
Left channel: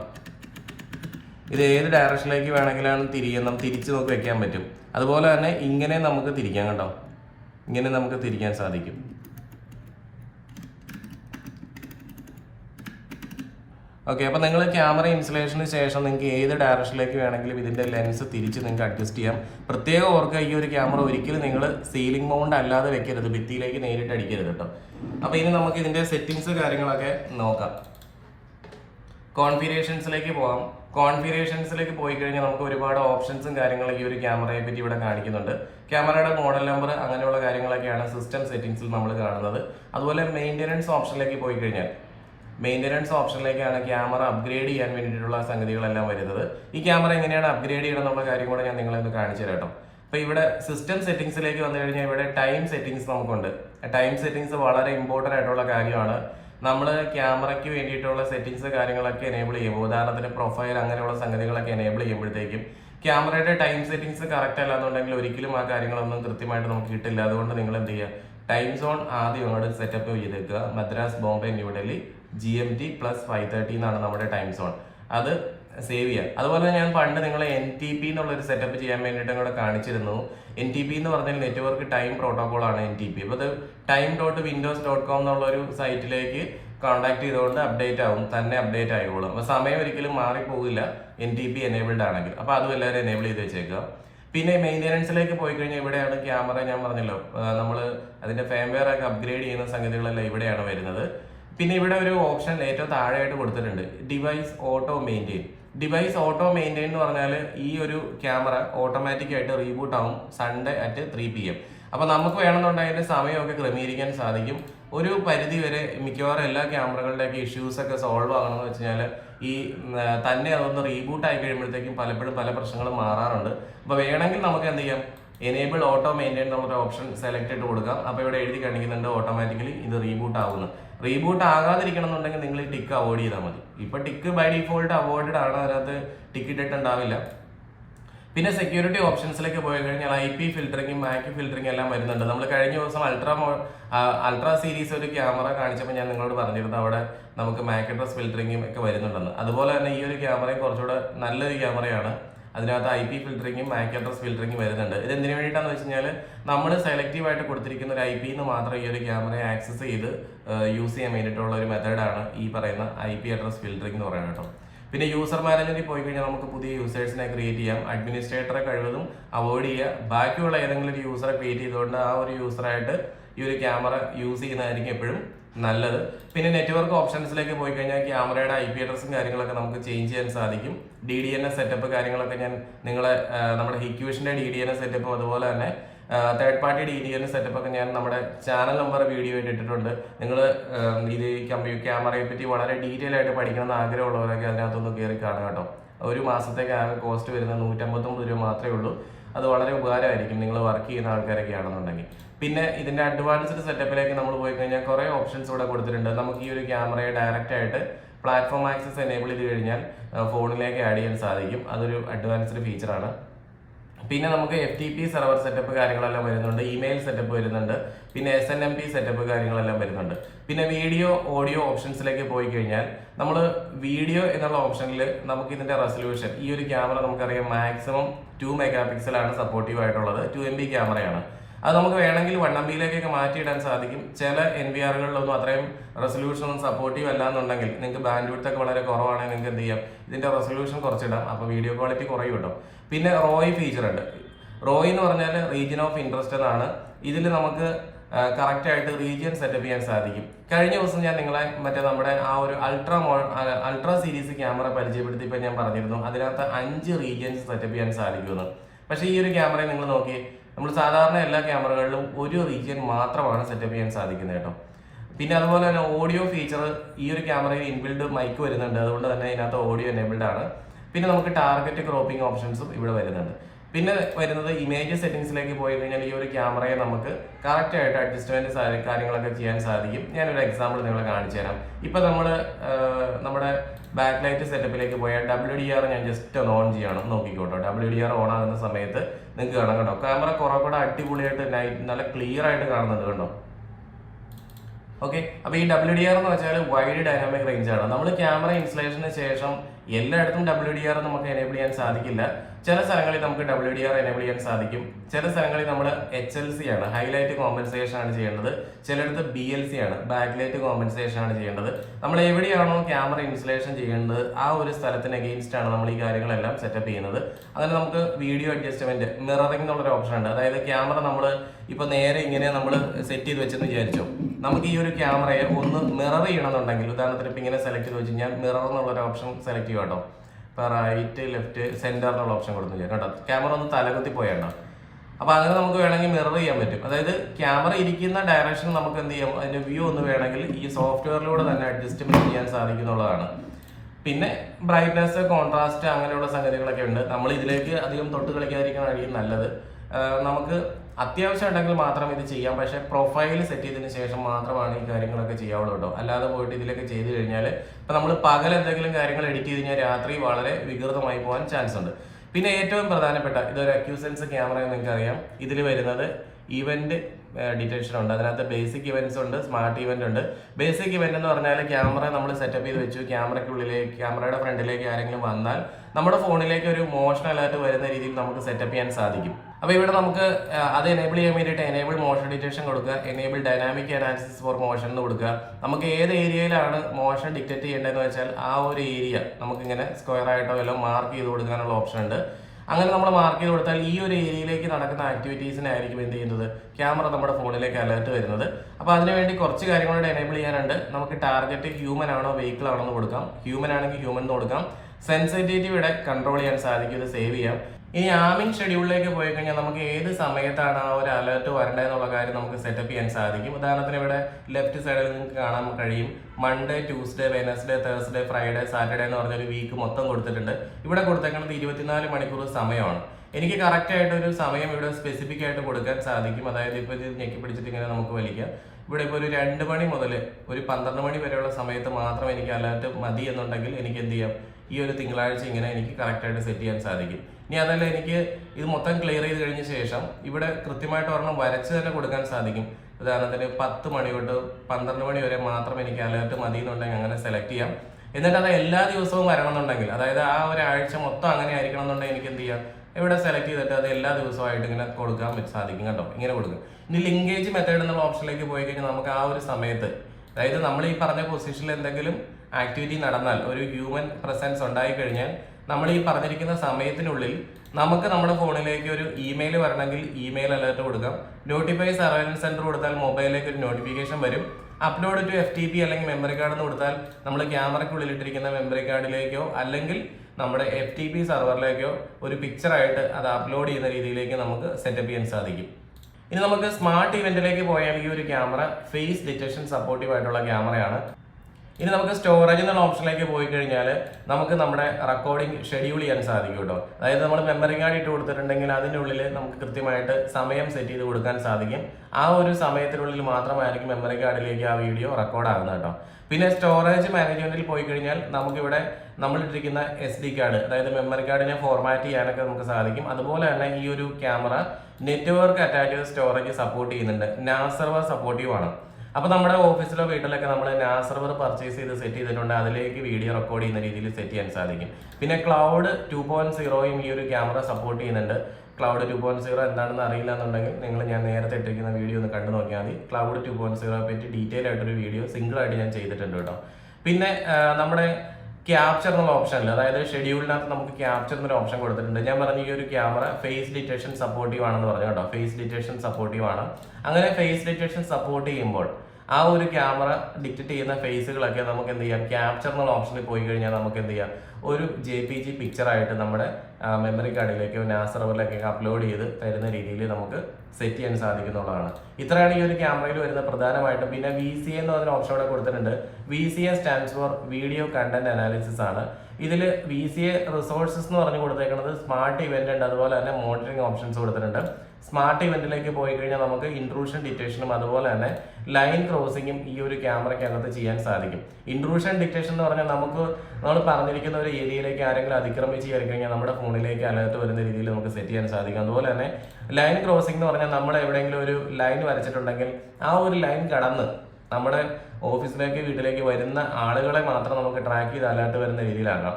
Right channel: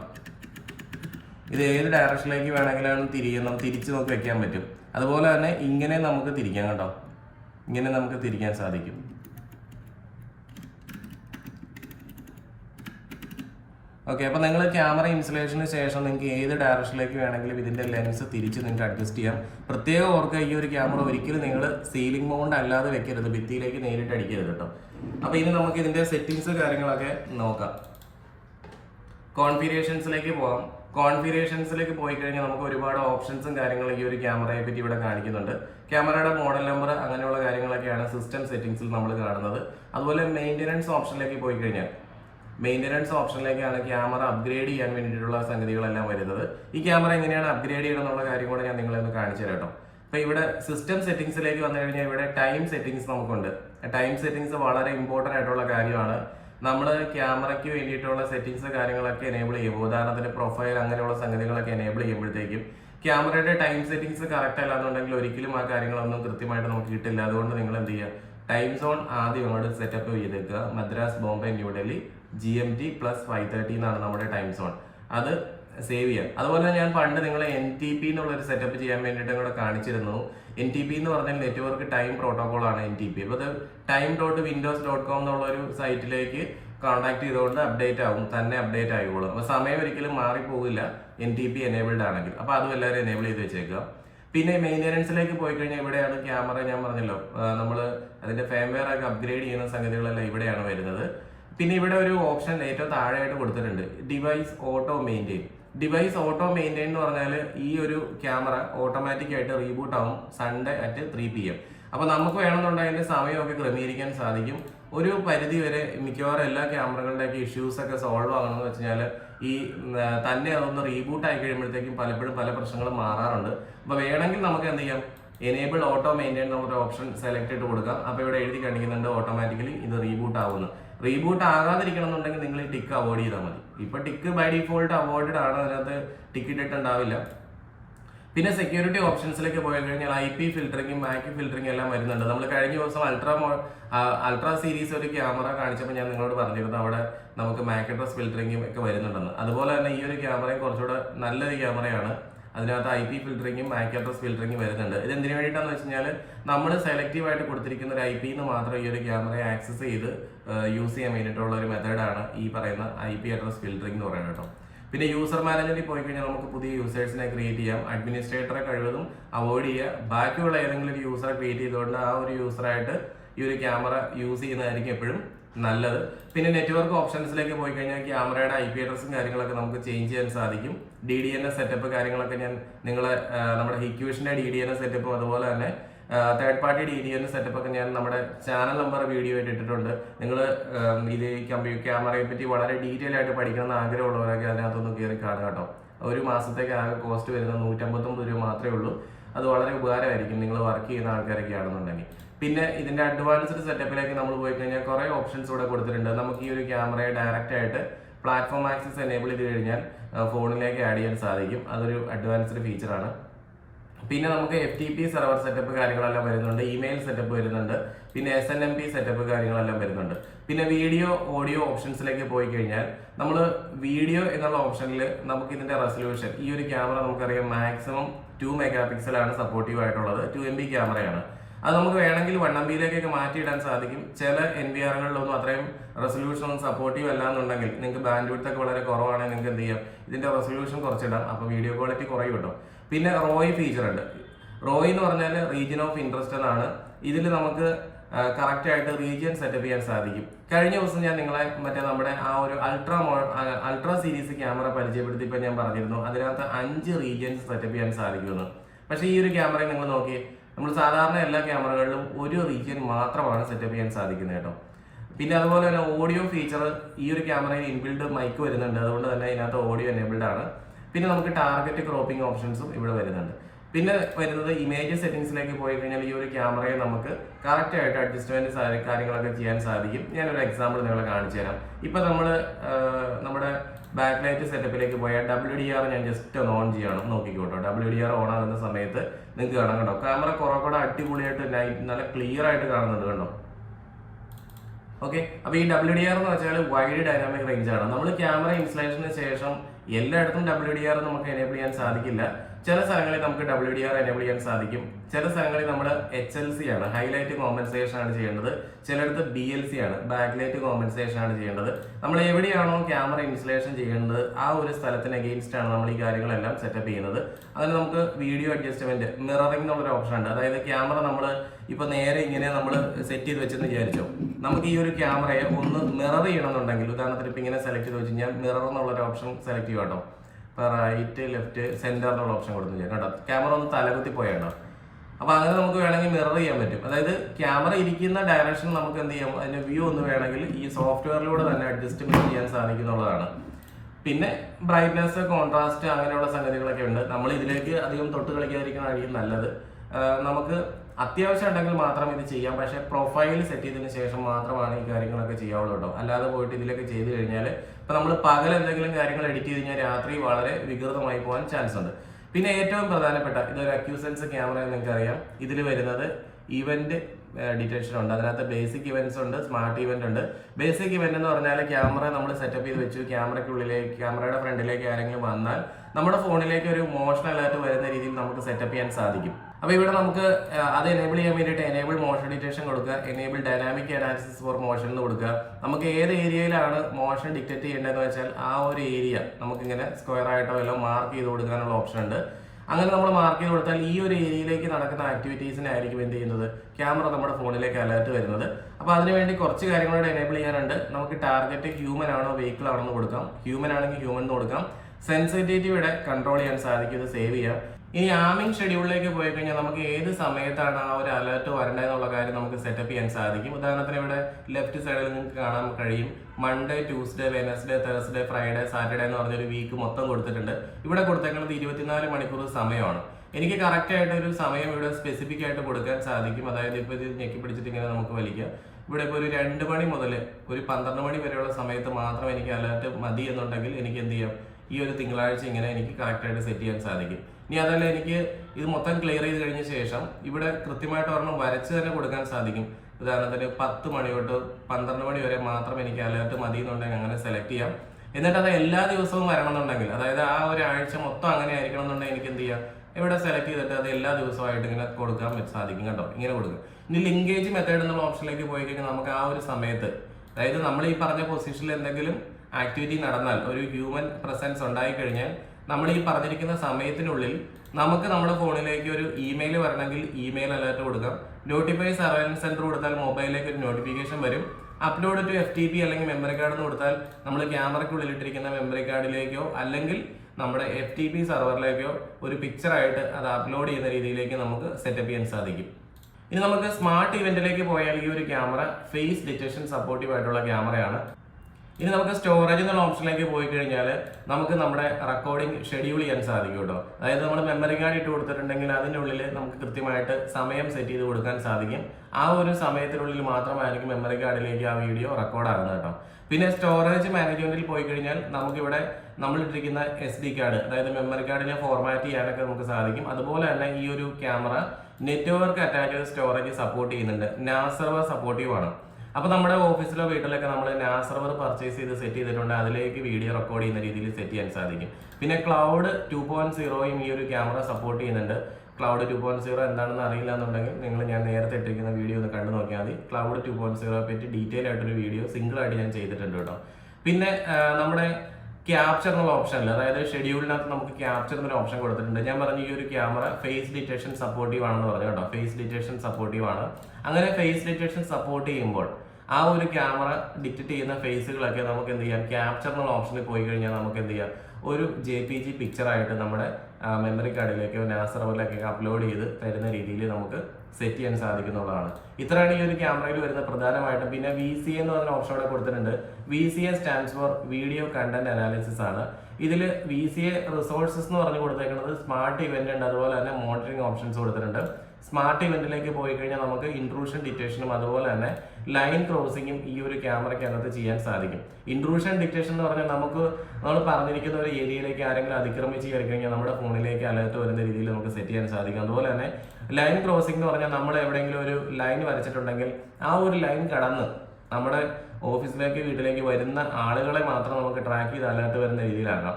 ഇത് ഏത് ഡയറക്ഷനിലേക്ക് വേണമെങ്കിലും തിരിച്ച് നമുക്ക് വെക്കാൻ പറ്റും. അതുപോലെ തന്നെ ഇങ്ങനെ നമുക്ക് തിരിക്കാം കേട്ടോ. ഇങ്ങനെ നമുക്ക് തിരിക്കാൻ സാധിക്കും. ഓക്കെ, അപ്പോൾ നിങ്ങൾ ക്യാമറ ഇൻസ്റ്റലേഷന് ശേഷം നിങ്ങൾക്ക് ഏത് ഡയറക്ഷനിലേക്ക് വേണമെങ്കിലും ഇതിൻ്റെ ലെൻസ് തിരിച്ച് നിങ്ങൾക്ക് അഡ്ജസ്റ്റ് ചെയ്യാം. പ്രത്യേകം ഓർക്കുക, ഈ ഒരു ക്യാമറ ഒരിക്കലും നിങ്ങൾ സീലിംഗ് മൗണ്ട് അല്ലാതെ വെക്കരുത്, ഭിത്തിയിലേക്ക് നേരിട്ട് അടിക്കരുത് കേട്ടോ. അപ്പോൾ ഇനി നമുക്ക് ഇതിൻ്റെ സെറ്റിങ്സ് കാര്യങ്ങളൊക്കെ നോക്കാം. കോൺഫിഗറേഷൻസിലേക്ക് പോകാം. കോൺഫിഗറേഷൻസിലേക്ക് പോയി കഴിഞ്ഞാൽ നമുക്ക് ഒരുപാട് ഓപ്ഷൻസും കാര്യങ്ങളും ഈ ഒരു ക്യാമറയെ പറ്റി ഇവിടെ കാണിക്കുന്നുണ്ട്. ക്യാമറയുടെ മോഡൽ നമ്പർ അങ്ങനെയുള്ള കാര്യങ്ങളൊക്കെയാണ് സിസ്റ്റം സെറ്റിങ്സിൽ നമ്മൾ കാണുന്നത്. അതുപോലെ മെയിൻ്റനൻസ് ഓപ്ഷനിലേക്ക് പോയി കഴിഞ്ഞാൽ മെയിൻ്റനൻസ് ഓപ്ഷനിലേക്കാണ് ക്യാമറ അപ്ഗ്രേഡ് ചെയ്യാൻ വേണ്ടിയിട്ടുള്ള സംഗതികളെല്ലാം വരുന്നത്. ഈ ക്യാമറ എങ്ങനെയാണ് അപ്ഗ്രേഡ് ചെയ്യണം എന്നുള്ള കാര്യം കൂടെ ഞാൻ നിങ്ങളെ ഒന്ന് കാണിച്ചു തരാം കേട്ടോ. അപ്പോൾ ഇവിടെ സിസ്റ്റം സെറ്റിങ്സിലേക്ക് വന്നു കഴിഞ്ഞാൽ ഇവിടെ ടൈം സെറ്റിങ്സ് നമുക്കുണ്ട്. ടൈം സെറ്റിങ്സ് വളരെ ഇമ്പോർട്ടൻ്റ് ആയിട്ടുള്ള കാര്യമാണ്. നമ്മൾ ക്യാമറയ്ക്ക് വേണ്ടിയിട്ടുള്ള സെറ്റിങ്സ് കാര്യങ്ങളൊക്കെ എനേബിൾ ചെയ്യുമ്പോൾ, ഉദാഹരണത്തിന് പ്രൊഫൈൽ അങ്ങനെയുള്ള സംഗതികളൊക്കെ എനേബിൾ ചെയ്യുമ്പോഴത്തേക്കും ക്യാമറയുടെ ടൈം സെറ്റിങ്സ് കറക്റ്റ് അല്ലാന്നുണ്ടെങ്കിൽ ഒരിക്കലും ആ കാര്യങ്ങളൊന്നും കൃത്യമായിട്ട് നമുക്ക് കിട്ടില്ല. അതുകൊണ്ട് നിങ്ങൾ എന്ത് ചെയ്യുക, ടൈം സോൺ ആദ്യം അങ്ങോട്ട് സെറ്റപ്പ് ചെയ്തേക്കുക. മദ്രാസ്, ബോംബെ, ന്യൂഡൽഹി GMT + 5:30 എന്നാണ് നമ്മുടെ ടൈം സോൺ. അത് സേവ് ചെയ്യാം. അതുപോലെ തന്നെ ഞാൻ പണ്ട് നിങ്ങളെ NTP എന്നുള്ളൊരു സെറ്റപ്പ് ചെയ്യാൻ വേണ്ടിയിട്ട് കൂടെ കാണിച്ചിരുന്നു. NTP എന്ന് പറഞ്ഞാൽ നെറ്റ്വർക്ക് ടൈം പ്രോട്ടോകോൾ ആണ് NTP. അപ്പോൾ അത് time.windows.com എന്നുള്ളൊരു സൈറ്റിലേക്ക് കോൺടാക്ട് ചെയ്തുകൊണ്ട് അപ്ഡേറ്റ് ആവും, തന്നെ അപ്ഡേറ്റ് ആയിക്കോളും. അപ്പോൾ സമയം ഒരിക്കലും മാറിപ്പോകില്ല NTP എനേബിൾഡ് ആണെങ്കിൽ. അപ്പോൾ അതും എല്ലാവരും എനേബിൾ ചെയ്ത് വെച്ചേക്കുക. പിന്നെ മെയിൻ്റനൻസിലേക്ക് പോയി കഴിഞ്ഞാൽ ഇവിടെയാണ് ക്യാമറ, ഞാൻ പറഞ്ഞല്ലോ നമ്മൾ അതിൻ്റെ ഫേംവെയർ ഒക്കെ അപ്ഗ്രേഡ് ചെയ്യുന്ന സംഗതികളെല്ലാം ഇവിടെയാണ് വരുന്നത്. പിന്നെ ഇവിടെ ഒരു ഓപ്ഷൻ ഏറ്റവും താഴെയായിട്ട് കൊടുത്തിട്ടുണ്ട്, device auto maintain. Device auto maintain എന്ന് പറഞ്ഞാൽ ഈ ഒരു ക്യാമറ ഓട്ടോമാറ്റിക് ആയിട്ട് റീബൂട്ട് ആവും Sunday at 3 PM. അപ്പോൾ നമുക്ക് വേണമെന്നുണ്ടെങ്കിൽ അതിൻ്റെ സമയമൊക്കെ ക്രമീകരിക്കാൻ സാധിക്കും. ഒരു പരിധി വരെ മിക്കവാറും എല്ലാ ക്യാമറകളുടെയൊക്കെ ഇഷ്യൂസൊക്കെ സോൾവ് ആകണമെന്ന് വെച്ച് കഴിഞ്ഞാൽ ഈ തന്നെ അതൊന്ന് റീബൂട്ട് ആയി കഴിയുമ്പോഴത്തേക്കും പലപ്പോഴും പല പ്രശ്നങ്ങളും മാറാറുണ്ട്. അപ്പോൾ വേണമെങ്കിൽ നമുക്ക് എന്ത് ചെയ്യാം, എനേബിൾ ഓട്ടോ മെയിൻറ്റെയിൻ എന്നുള്ളൊരു ഓപ്ഷൻ സെലക്ട് ചെയ്ത് കൊടുക്കാം. അപ്പോൾ ഇവിടെ എഴുതി കാണിക്കുന്നുണ്ട് ഓട്ടോമാറ്റിക്കലി ഇത് റീബൂട്ട് ആവുന്നു. റീബൂട്ട് ആകാതിരിക്കണം എന്നുണ്ടെങ്കിൽ നിങ്ങൾ ഈ ടിക്ക് അവോയ്ഡ് ചെയ്താൽ മതി. ഇപ്പോൾ ടിക്ക് ബൈ ഡിഫോൾട്ട് അവോയ്ഡഡ് ആണ്, അതിനകത്ത് ടിക്ക് ഇട്ടിട്ടുണ്ടാവില്ല. പിന്നെ സെക്യൂരിറ്റി ഓപ്ഷൻസിലേക്ക് പോയി കഴിഞ്ഞാൽ IP ഫിൽറ്ററിങ്ങും MAC ഫിൽറ്ററിങ്ങും എല്ലാം വരുന്നുണ്ട്. നമ്മൾ കഴിഞ്ഞ ദിവസം അൾട്രാ സീരീസ് ഒരു ക്യാമറ കാണിച്ചപ്പോൾ ഞാൻ നിങ്ങളോട് പറഞ്ഞിരുന്നു അവിടെ നമുക്ക് MAC അഡ്രസ് ഫിൽറ്ററിങ്ങും ഒക്കെ വരുന്നുണ്ടെന്ന്. അതുപോലെ തന്നെ ഈ ഒരു ക്യാമറയും കുറച്ചുകൂടെ നല്ലൊരു ക്യാമറയാണ്. അതിനകത്ത് IP ഫിൽറ്ററിങ്ങും MAC അഡ്രസ് ഫിൽറ്ററിങ്ങും വരുന്നുണ്ട്. ഇത് എന്തിനു വേണ്ടിയിട്ടാണെന്ന് വെച്ച് കഴിഞ്ഞാൽ നമ്മൾ സെലക്റ്റീവായിട്ട് കൊടുത്തിരിക്കുന്ന ഒരു IP എന്ന് മാത്രം ഈ ഒരു ക്യാമറയെ ആക്സസ് ചെയ്ത് യൂസ് ചെയ്യാൻ വേണ്ടിയിട്ടുള്ള ഒരു മെത്തേഡാണ് ഈ പറയുന്ന IP അഡ്രസ് ഫിൽറ്ററിംഗ് എന്ന് പറയുന്നത് കേട്ടോ. പിന്നെ യൂസർ മാനേജ്മെന്റിൽ പോയി കഴിഞ്ഞാൽ നമുക്ക് പുതിയ യൂസേഴ്സിനെ ക്രിയേറ്റ് ചെയ്യാം. അഡ്മിനിസ്ട്രേറ്ററെ കഴിവതും അവോയ്ഡ് ചെയ്യുക. ബാക്കിയുള്ള ഏതെങ്കിലും ഒരു യൂസറെ ക്രിയേറ്റ് ചെയ്തുകൊണ്ട് ആ ഒരു യൂസറായിട്ട് ഈ ഒരു ക്യാമറ യൂസ് ചെയ്യുന്നതായിരിക്കും എപ്പോഴും നല്ലത്. പിന്നെ നെറ്റ്വർക്ക് ഓപ്ഷൻസിലേക്ക് പോയി കഴിഞ്ഞാൽ ക്യാമറയുടെ IP അഡ്രസ്സും കാര്യങ്ങളൊക്കെ നമുക്ക് ചേഞ്ച് ചെയ്യാൻ സാധിക്കും. DDNS സെറ്റപ്പ് കാര്യങ്ങളൊക്കെ ഞാൻ നമ്മുടെ ഹിക്യൂഷൻ്റെ DDNS സെറ്റപ്പും അതുപോലെ തന്നെ തേർഡ് പാർട്ടി DDNS സെറ്റപ്പൊക്കെ ഞാൻ നമ്മുടെ ചാനൽ നമ്പർ വീഡിയോ ആയിട്ട് ഇട്ടിട്ടുണ്ട്. നിങ്ങൾ ഇത് ക്യാമറയെ പറ്റി വളരെ ഡീറ്റെയിൽ ആയിട്ട് പഠിക്കണമെന്ന് ആഗ്രഹമുള്ളവരൊക്കെ അതിനകത്തൊന്ന് കയറി കാണുക കേട്ടോ. ഒരു മാസത്തേക്ക് ആകെ കോസ്റ്റ് വരുന്നത് 159 രൂപ മാത്രമേ ഉള്ളൂ. അത് വളരെ ഉപകാരമായിരിക്കും നിങ്ങൾ വർക്ക് ചെയ്യുന്ന ആൾക്കാരൊക്കെ ആണെന്നുണ്ടെങ്കിൽ. പിന്നെ ഇതിന്റെ അഡ്വാൻസ്ഡ് സെറ്റപ്പിലേക്ക് നമ്മൾ പോയി കഴിഞ്ഞാൽ കുറേ ഓപ്ഷൻസ് ഇവിടെ കൊടുത്തിട്ടുണ്ട്. നമുക്ക് ഈ ഒരു ക്യാമറയെ ഡയറക്റ്റ് ആയിട്ട് പ്ലാറ്റ്ഫോം ആക്സസ് എനേബിൾ ചെയ്ത് കഴിഞ്ഞാൽ ഫോണിലേക്ക് ആഡ് ചെയ്യാൻ സാധിക്കും. അതൊരു അഡ്വാൻസ്ഡ് ഫീച്ചറാണ്. പിന്നെ നമുക്ക് FTP സെർവർ സെറ്റപ്പ് കാര്യങ്ങളെല്ലാം വരുന്നുണ്ട്, ഇമെയിൽ സെറ്റപ്പ് വരുന്നുണ്ട്, പിന്നെ SNMP സെറ്റപ്പ് കാര്യങ്ങളെല്ലാം വരുന്നുണ്ട്. പിന്നെ വീഡിയോ ഓഡിയോ ഓപ്ഷൻസിലേക്ക് പോയി കഴിഞ്ഞാൽ നമ്മൾ വീഡിയോ എന്നുള്ള ഓപ്ഷനിൽ നമുക്ക് ഇതിന്റെ റെസൊല്യൂഷൻ, ഈ ഒരു ക്യാമറ നമുക്കറിയാം മാക്സിമം 2 മെഗാ പിക്സലാണ് സപ്പോർട്ടീവ് ആയിട്ടുള്ളത്, 2MB ക്യാമറയാണ്. അത് നമുക്ക് വേണമെങ്കിൽ 1MBയിലേക്കൊക്കെ മാറ്റിയിടാൻ സാധിക്കും. ചില NVR-കളിലൊന്നും അത്രയും റെസൊല്യൂഷൻ ഒന്നും സപ്പോർട്ടീവ് അല്ല എന്നുണ്ടെങ്കിൽ, നിങ്ങൾക്ക് ബാൻഡ് വിഡ്ത്ത് ഒക്കെ വളരെ കുറവാണെങ്കിൽ നിങ്ങൾക്ക് എന്ത് ചെയ്യാം, ഇതിന്റെ റെസൊല്യൂഷൻ കുറച്ചിടാം. അപ്പോൾ വീഡിയോ ക്വാളിറ്റി കുറയും കേട്ടോ. പിന്നെ റോയ് ഫീച്ചർ ഉണ്ട്. റോയ് എന്ന് പറഞ്ഞാൽ റീജിയൻ ഓഫ് ഇൻട്രസ്റ്റ് എന്നാണ്. ഇതിൽ നമുക്ക് കറക്റ്റ് ആയിട്ട് റീജിയൻ സെറ്റപ്പ് ചെയ്യാൻ സാധിക്കും. കഴിഞ്ഞ ദിവസം ഞാൻ നിങ്ങളെ നമ്മുടെ ആ ഒരു അൾട്രാ സീരീസ് ക്യാമറ പരിചയപ്പെടുത്തിയപ്പോൾ ഞാൻ പറഞ്ഞിരുന്നു അതിനകത്ത് 5 റീജിയൻസ് സെറ്റപ്പ് ചെയ്യാൻ സാധിക്കുമെന്ന്. പക്ഷേ ഈ ഒരു ക്യാമറയെ നിങ്ങൾ നോക്കി, നമ്മൾ സാധാരണ എല്ലാ ക്യാമറകളിലും ഒരു റീജിയൻ മാത്രമാണ് സെറ്റപ്പ് ചെയ്യാൻ സാധിക്കുന്നത് കേട്ടോ. പിന്നെ അതുപോലെ തന്നെ ഓഡിയോ ഫീച്ചർ, ഈ ഒരു ക്യാമറയിൽ ഇൻബിൽഡ് മൈക്ക് വരുന്നുണ്ട്, അതുകൊണ്ട് തന്നെ ഇതിനകത്ത് ഓഡിയോ എനേബിൾഡ് ആണ്. പിന്നെ നമുക്ക് ടാർഗറ്റ് ക്രോപ്പിംഗ് ഓപ്ഷൻസും ഇവിടെ വരുന്നുണ്ട്. പിന്നെ വരുന്നത് ഇമേജ് സെറ്റിംഗ്സിലേക്ക് പോയി കഴിഞ്ഞാൽ ഈ ഒരു ക്യാമറയെ നമുക്ക് കറക്റ്റ് ആയിട്ട് അഡ്ജസ്റ്റ്മെന്റ് കാര്യങ്ങളൊക്കെ ചെയ്യാൻ സാധിക്കും. ഞാനൊരു എക്സാമ്പിൾ നിങ്ങളെ കാണിച്ചു തരാം. ഇപ്പൊ നമ്മുടെ ബാക്ക് ലൈറ്റ് സെറ്റപ്പിലേക്ക് പോയാൽ WDR ഞാൻ ജസ്റ്റ് ഒന്ന് ഓൺ ചെയ്യണം, നോക്കിക്കോട്ടോ. WDR ഓൺ ആകുന്ന സമയത്ത് നിങ്ങൾക്ക് കാണാം കേട്ടോ, ക്യാമറ കൂടെ അടിപൊളിയായിട്ട് നല്ല ക്ലിയർ ആയിട്ട് കാണുന്നുണ്ട് കണ്ടോ. ഓക്കെ, അപ്പൊ ഈ WDR എന്ന് വെച്ചാൽ വൈഡ് ഡൈനാമിക് റേഞ്ച് ആണ്. നമ്മൾ ക്യാമറ ഇൻസ്റ്റലേഷന് ശേഷം എല്ലായിടത്തും WDR നമുക്ക് എനേബിൾ ചെയ്യാൻ സാധിക്കില്ല. ചില സ്ഥലങ്ങളിൽ നമുക്ക് WDR എനേബിൾ ചെയ്യാൻ സാധിക്കും. ചില സ്ഥലങ്ങളിൽ നമ്മൾ HLC ആണ്, ഹൈലൈറ്റ് കോമ്പൻസേഷൻ ആണ് ചെയ്യേണ്ടത്. ചിലയിടത്ത് BLC ആണ്, ബാക്ക് ലൈറ്റ് കോമ്പൻസേഷൻ ആണ് ചെയ്യേണ്ടത്. നമ്മൾ എവിടെയാണോ ക്യാമറ ഇൻസ്റ്റലേഷൻ ചെയ്യേണ്ടത് ആ ഒരു സ്ഥലത്തിന് അഗെയിൻസ്റ്റ് ആണ് നമ്മൾ ഈ കാര്യങ്ങളെല്ലാം സെറ്റപ്പ് ചെയ്യുന്നത്. അങ്ങനെ നമുക്ക് വീഡിയോ അഡ്ജസ്റ്റ്മെന്റ്, മിററിംഗ് എന്നുള്ളൊരു ഓപ്ഷൻ ഉണ്ട്. അതായത് ക്യാമറ നമ്മൾ ഇപ്പൊ നേരെ ഇങ്ങനെ നമ്മൾ സെറ്റ് ചെയ്ത് വെച്ചെന്ന് വിചാരിച്ചോ, നമുക്ക് ഈ ഒരു ക്യാമറയെ ഒന്ന് മിറർ ചെയ്യണമെന്നുണ്ടെങ്കിൽ, ഉദാഹരണത്തിന് ഇപ്പൊ ഇങ്ങനെ സെലക്ട് ചെയ്ത് വെച്ച് കഴിഞ്ഞാൽ മിറർ എന്നുള്ളൊരു ഓപ്ഷൻ സെലക്ട് ചെയ്യുക കേട്ടോ. ഇപ്പൊ റൈറ്റ് ലെഫ്റ്റ് സെന്റർ എന്നുള്ള ഓപ്ഷൻ കൊടുത്തു കേട്ടോ, ക്യാമറ ഒന്ന് തലകുത്തി പോയാട്ടോ. അപ്പൊ അങ്ങനെ നമുക്ക് വേണമെങ്കിൽ മിറർ ചെയ്യാൻ പറ്റും. അതായത് ക്യാമറ ഇരിക്കുന്ന ഡയറക്ഷൻ നമുക്ക് എന്ത് ചെയ്യാം, അതിന്റെ വ്യൂ ഒന്ന് വേണമെങ്കിൽ ഈ സോഫ്റ്റ്വെയറിലൂടെ തന്നെ അഡ്ജസ്റ്റ്മെന്റ് ചെയ്യാൻ സാധിക്കുന്നുള്ളതാണ്. പിന്നെ ബ്രൈറ്റ്നസ്, കോൺട്രാസ്റ്റ് അങ്ങനെയുള്ള സംഗതികളൊക്കെ ഉണ്ട്. നമ്മൾ ഇതിലേക്ക് അധികം തൊട്ട് കളിക്കാതിരിക്കുന്നതായിരിക്കും നല്ലത്. നമുക്ക് അത്യാവശ്യം ഉണ്ടെങ്കിൽ മാത്രം ഇത് ചെയ്യാം. പക്ഷെ പ്രൊഫൈൽ സെറ്റ് ചെയ്തതിന് ശേഷം മാത്രമാണ് ഈ കാര്യങ്ങളൊക്കെ ചെയ്യാവുള്ളൂ കേട്ടോ. അല്ലാതെ പോയിട്ട് ഇതിലൊക്കെ ചെയ്ത് കഴിഞ്ഞാൽ ഇപ്പൊ നമ്മൾ പകൽ എന്തെങ്കിലും കാര്യങ്ങൾ എഡിറ്റ് ചെയ്ത് കഴിഞ്ഞാൽ രാത്രി വളരെ വികൃതമായി പോകാൻ ചാൻസ് ഉണ്ട്. പിന്നെ ഏറ്റവും പ്രധാനപ്പെട്ട ഇതൊരു അക്യൂസെൻസ് ക്യാമറ എന്ന് നിങ്ങൾക്ക് അറിയാം. ഇതിൽ വരുന്നത് ഇവന്റ് ഡിറ്റക്ഷൻ ഉണ്ട്. അതിനകത്ത് ബേസിക് ഇവന്റ്സ് ഉണ്ട്, സ്മാർട്ട് ഇവന്റ് ഉണ്ട്. ബേസിക് ഇവന്റ് എന്ന് പറഞ്ഞാൽ ക്യാമറ നമ്മൾ സെറ്റപ്പ് ചെയ്ത് വെച്ചു, ക്യാമറയുടെ ഫ്രണ്ടിലേക്ക് ആരെങ്കിലും വന്നാൽ നമ്മുടെ ഫോണിലേക്ക് ഒരു മോഷൻ അലേർട്ട് വരുന്ന രീതിയിൽ നമുക്ക് സെറ്റപ്പ് ചെയ്യാൻ സാധിക്കും. അപ്പോൾ ഇവിടെ നമുക്ക് അത് എനേബിൾ ചെയ്യാൻ വേണ്ടിയിട്ട് എനേബിൾ മോഷൻ ഡിറ്റക്ഷൻ കൊടുക്കുക, enable dynamic analysis for motion എന്ന് കൊടുക്കുക. നമുക്ക് ഏത് ഏരിയയിലാണ് മോഷൻ ഡിറ്റക്ട് ചെയ്യേണ്ടതെന്ന് വെച്ചാൽ ആ ഒരു ഏരിയ നമുക്കിങ്ങനെ സ്ക്വയർ ആയിട്ടോ എല്ലാം മാർക്ക് ചെയ്ത് കൊടുക്കാനുള്ള ഓപ്ഷൻ ഉണ്ട്. അങ്ങനെ നമ്മൾ മാർക്ക് ചെയ്ത് കൊടുത്താൽ ഈ ഒരു ഏരിയയിലേക്ക് നടക്കുന്ന ആക്ടിവിറ്റീസിനായിരിക്കും എന്ത് ചെയ്യുന്നത്, ക്യാമറ നമ്മുടെ ഫോണിലേക്ക് അലേർട്ട് വരുന്നത്. അപ്പോൾ അതിനുവേണ്ടി കുറച്ച് കാര്യങ്ങളോട് എനേബിൾ ചെയ്യാനുണ്ട്. നമുക്ക് ടാർഗറ്റ് ഹ്യൂമൻ ആണോ വെഹിക്കിൾ ആണോ എന്ന് കൊടുക്കാം. ഹ്യൂമൻ ആണെങ്കിൽ ഹ്യൂമൻ എന്ന് കൊടുക്കാം. സെൻസിറ്റിവിറ്റി ഇവിടെ കൺട്രോൾ ചെയ്യാൻ സാധിക്കും, ഇത് സേവ് ചെയ്യാം. ഇനി ആമിംഗ് ഷെഡ്യൂളിലേക്ക് പോയി കഴിഞ്ഞാൽ നമുക്ക് ഏത് സമയത്താണ് ആ ഒരു അലേർട്ട് വരേണ്ടതെന്നുള്ള കാര്യം നമുക്ക് സെറ്റപ്പ് ചെയ്യാൻ സാധിക്കും. ഉദാഹരണത്തിന് ഇവിടെ ലെഫ്റ്റ് സൈഡിൽ നിങ്ങൾക്ക് കാണാൻ കഴിയും Monday, Tuesday, Wednesday, Thursday, Friday, Saturday എന്ന് പറഞ്ഞൊരു വീക്ക് മൊത്തം കൊടുത്തിട്ടുണ്ട്. ഇവിടെ കൊടുത്തേക്കുന്നത് 24 മണിക്കൂർ സമയമാണ്. എനിക്ക് കറക്റ്റ് ആയിട്ട് ഒരു സമയം ഇവിടെ സ്പെസിഫിക് ആയിട്ട് കൊടുക്കാൻ സാധിക്കും. അതായത് ഇപ്പോൾ ഇത് ഞെക്കി പിടിച്ചിട്ട് ഇങ്ങനെ നമുക്ക് വലിക്കാം. ഇവിടെ ഇപ്പോൾ ഒരു 2 മണി മുതൽ ഒരു 12 മണി വരെയുള്ള സമയത്ത് മാത്രം എനിക്ക് അലേർട്ട് മതി എന്നുണ്ടെങ്കിൽ എനിക്ക് എന്ത് ചെയ്യാം, ഈ ഒരു തിങ്കളാഴ്ച ഇങ്ങനെ എനിക്ക് കറക്റ്റായിട്ട് സെറ്റ് ചെയ്യാൻ സാധിക്കും. ഇനി അതല്ല എനിക്ക് ഇത് മൊത്തം ക്ലിയർ ചെയ്ത് കഴിഞ്ഞ ശേഷം ഇവിടെ കൃത്യമായിട്ട് ഒരെണ്ണം വരച്ച് തന്നെ കൊടുക്കാൻ സാധിക്കും. ഉദാഹരണത്തിന് 10 മണി തൊട്ട് 12 മണി വരെ മാത്രം എനിക്ക് അലേർട്ട് മതി എന്നുണ്ടെങ്കിൽ അങ്ങനെ സെലക്ട് ചെയ്യാം. എന്നിട്ട് അത് എല്ലാ ദിവസവും വരണമെന്നുണ്ടെങ്കിൽ, അതായത് ആ ഒരാഴ്ച മൊത്തം അങ്ങനെ ആയിരിക്കണം എന്നുണ്ടെങ്കിൽ എനിക്ക് എന്ത് ചെയ്യാം, ഇവിടെ സെലക്ട് ചെയ്തിട്ട് അത് എല്ലാ ദിവസമായിട്ട് ഇങ്ങനെ കൊടുക്കാൻ സാധിക്കും കേട്ടോ. ഇങ്ങനെ കൊടുക്കും. ഇനി ലിങ്കേജ് മെത്തേഡ് എന്നുള്ള ഓപ്ഷനിലേക്ക് പോയി കഴിഞ്ഞാൽ നമുക്ക് ആ ഒരു സമയത്ത്, അതായത് നമ്മൾ ഈ പറഞ്ഞ പൊസിഷനിൽ എന്തെങ്കിലും ആക്ടിവിറ്റി നടന്നാൽ, ഒരു ഹ്യൂമൻ പ്രസൻസ് ഉണ്ടായി കഴിഞ്ഞാൽ നമ്മൾ ഈ പറഞ്ഞിരിക്കുന്ന സമയത്തിനുള്ളിൽ നമുക്ക് നമ്മുടെ ഫോണിലേക്ക് ഒരു ഇമെയിൽ വരണമെങ്കിൽ ഇമെയിൽ അലേർട്ട് കൊടുക്കാം. നോട്ടിഫൈ സർവൈലൻസ് സെന്റർ കൊടുത്താൽ മൊബൈലിലേക്ക് ഒരു നോട്ടിഫിക്കേഷൻ വരും. അപ്ലോഡ് ടു FTP അല്ലെങ്കിൽ മെമ്മറി കാർഡ് എന്ന് കൊടുത്താൽ നമ്മൾ ക്യാമറയ്ക്കുള്ളിലിട്ടിരിക്കുന്ന മെമ്മറി കാർഡിലേക്കോ അല്ലെങ്കിൽ നമ്മുടെ FTP സെർവറിലേക്കോ ഒരു പിക്ചറായിട്ട് അത് അപ്ലോഡ് ചെയ്യുന്ന രീതിയിലേക്ക് നമുക്ക് സെറ്റപ്പ് ചെയ്യാൻ സാധിക്കും. ഇനി നമുക്ക് സ്മാർട്ട് ഇവന്റിലേക്ക് പോയാൽ ഈ ഒരു ക്യാമറ ഫേസ് ഡിറ്റക്ഷൻ സപ്പോർട്ടീവ് ആയിട്ടുള്ള ക്യാമറയാണ്. ഇനി നമുക്ക് സ്റ്റോറേജ് എന്നുള്ള ഓപ്ഷനിലേക്ക് പോയി കഴിഞ്ഞാൽ നമുക്ക് നമ്മുടെ റെക്കോർഡിംഗ് ഷെഡ്യൂൾ ചെയ്യാൻ സാധിക്കും കേട്ടോ. അതായത് നമ്മൾ മെമ്മറി കാർഡ് ഇട്ട് കൊടുത്തിട്ടുണ്ടെങ്കിൽ അതിനുള്ളിൽ നമുക്ക് കൃത്യമായിട്ട് സമയം സെറ്റ് ചെയ്ത് കൊടുക്കാൻ സാധിക്കും. ആ ഒരു സമയത്തിനുള്ളിൽ മാത്രമായിരിക്കും മെമ്മറി കാർഡിലേക്ക് ആ വീഡിയോ റെക്കോർഡ് ആകുന്നത് കേട്ടോ. പിന്നെ സ്റ്റോറേജ് മാനേജ്മെന്റിൽ പോയി കഴിഞ്ഞാൽ നമുക്കിവിടെ നമ്മൾ ഇട്ടിരിക്കുന്ന SD കാർഡ്, അതായത് മെമ്മറി കാർഡിനെ ഫോർമാറ്റ് ചെയ്യാനൊക്കെ നമുക്ക് സാധിക്കും. അതുപോലെ തന്നെ ഈ ഒരു camera network attached storage support ചെയ്യുന്നുണ്ട്. NAS സെർവർ സപ്പോർട്ടീവ് ആണ്. അപ്പോൾ നമ്മുടെ ഓഫീസിലോ വീട്ടിലൊക്കെ നമ്മൾ NAS സെർവർ പർച്ചേസ് ചെയ്ത് സെറ്റ് ചെയ്തിട്ടുണ്ട്. അതിലേക്ക് വീഡിയോ റെക്കോർഡ് ചെയ്യുന്ന രീതിയിൽ സെറ്റ് ചെയ്യാൻ സാധിക്കും. പിന്നെ ക്ലൗഡ് 2.0യും ഈ ഒരു ക്യാമറ സപ്പോർട്ട് ചെയ്യുന്നുണ്ട്. ക്ലൗഡ് 2.0 എന്താണെന്ന് അറിയില്ല എന്നുണ്ടെങ്കിൽ ഞാൻ നേരത്തെ ഇട്ടിരിക്കുന്ന വീഡിയോ ഒന്ന് കണ്ടു നോക്കിയാൽ മതി. ക്ലൗഡ് 2.0 പറ്റി ഡീറ്റെയിൽ ആയിട്ടൊരു വീഡിയോ സിംഗിൾ ആയിട്ട് ഞാൻ ചെയ്തിട്ടുണ്ട് കേട്ടോ. പിന്നെ നമ്മുടെ ക്യാപ്ചർ എന്നുള്ള ഓപ്ഷനിൽ, അതായത് ഷെഡ്യൂളിനകത്ത് നമുക്ക് ക്യാപ്ചർ എന്നൊരു ഓപ്ഷൻ കൊടുത്തിട്ടുണ്ട്. ഞാൻ പറഞ്ഞു ഈ ഒരു ക്യാമറ ഫേസ് ഡിറ്റക്ഷൻ സപ്പോർട്ടീവ് ആണെന്ന് പറഞ്ഞു കേട്ടോ. ഫേസ് ഡിറ്റക്ഷൻ സപ്പോർട്ടീവ് ആണ്. അങ്ങനെ ഫേസ് ഡിറ്റക്ഷൻ സപ്പോർട്ട് ചെയ്യുമ്പോൾ ആ ഒരു ക്യാമറ ഡിറ്റക്ട് ചെയ്യുന്ന ഫേസുകളൊക്കെ നമുക്ക് എന്ത് ചെയ്യാം, ക്യാപ്ചർ എന്നുള്ള ഓപ്ഷനിൽ പോയി കഴിഞ്ഞാൽ നമുക്ക് എന്ത് ചെയ്യാം, ഒരു JPG പിക്ചറായിട്ട് നമ്മുടെ മെമ്മറി കാർഡിലേക്കോ NAS സെർവറിലേക്കൊക്കെ അപ്ലോഡ് ചെയ്ത് തരുന്ന രീതിയിൽ നമുക്ക് സെറ്റ് ചെയ്യാൻ സാധിക്കുന്നുള്ളതാണ്. ഇത്രയാണ് ഈ ഒരു ക്യാമറയിൽ വരുന്ന പ്രധാനമായിട്ടും. പിന്നെ VCA എന്ന് പറഞ്ഞ ഓപ്ഷൻ ഇവിടെ കൊടുത്തിട്ടുണ്ട്. VCA stands for video content analysis ആണ്. ഇതിൽ VCA റിസോഴ്സസ് എന്ന് പറഞ്ഞ് കൊടുത്തേക്കുന്നത് സ്മാർട്ട് ഇവന്റ് ഉണ്ട്, അതുപോലെ തന്നെ മോണിറ്ററിംഗ് ഓപ്ഷൻസ് കൊടുത്തിട്ടുണ്ട്. സ്മാർട്ട് ഇവന്റിലേക്ക് പോയി കഴിഞ്ഞാൽ നമുക്ക് ഇൻട്രൂഷൻ ഡിറ്റക്ഷനും അതുപോലെ തന്നെ ലൈൻ ക്രോസിങ്ങും ഈ ഒരു ക്യാമറയ്ക്കകത്ത് ചെയ്യാൻ സാധിക്കും. ഇൻട്രൂഷൻ ഡിറ്റക്ഷൻ എന്ന് പറഞ്ഞാൽ നമ്മൾ പറഞ്ഞിരിക്കുന്ന ഒരു ഏരിയയിലേക്ക് ആരെങ്കിലും അതിക്രമിച്ച് കയറി കഴിഞ്ഞാൽ നമ്മുടെ ഫോണിലേക്ക് അലേർട്ട് വരുന്ന രീതിയിൽ നമുക്ക് സെറ്റ് ചെയ്യാൻ സാധിക്കും. അതുപോലെ തന്നെ ലൈൻ ക്രോസിംഗ് എന്ന് പറഞ്ഞാൽ നമ്മൾ എവിടെയെങ്കിലും ഒരു ലൈൻ വരച്ചിട്ടുണ്ടെങ്കിൽ ആ ഒരു ലൈൻ കടന്ന് നമ്മുടെ ഓഫീസിലേക്ക് വീട്ടിലേക്ക് വരുന്ന ആളുകളെ മാത്രം നമുക്ക് ട്രാക്ക് ചെയ്ത് അലേർട്ട് വരുന്ന രീതിയിലാകാം.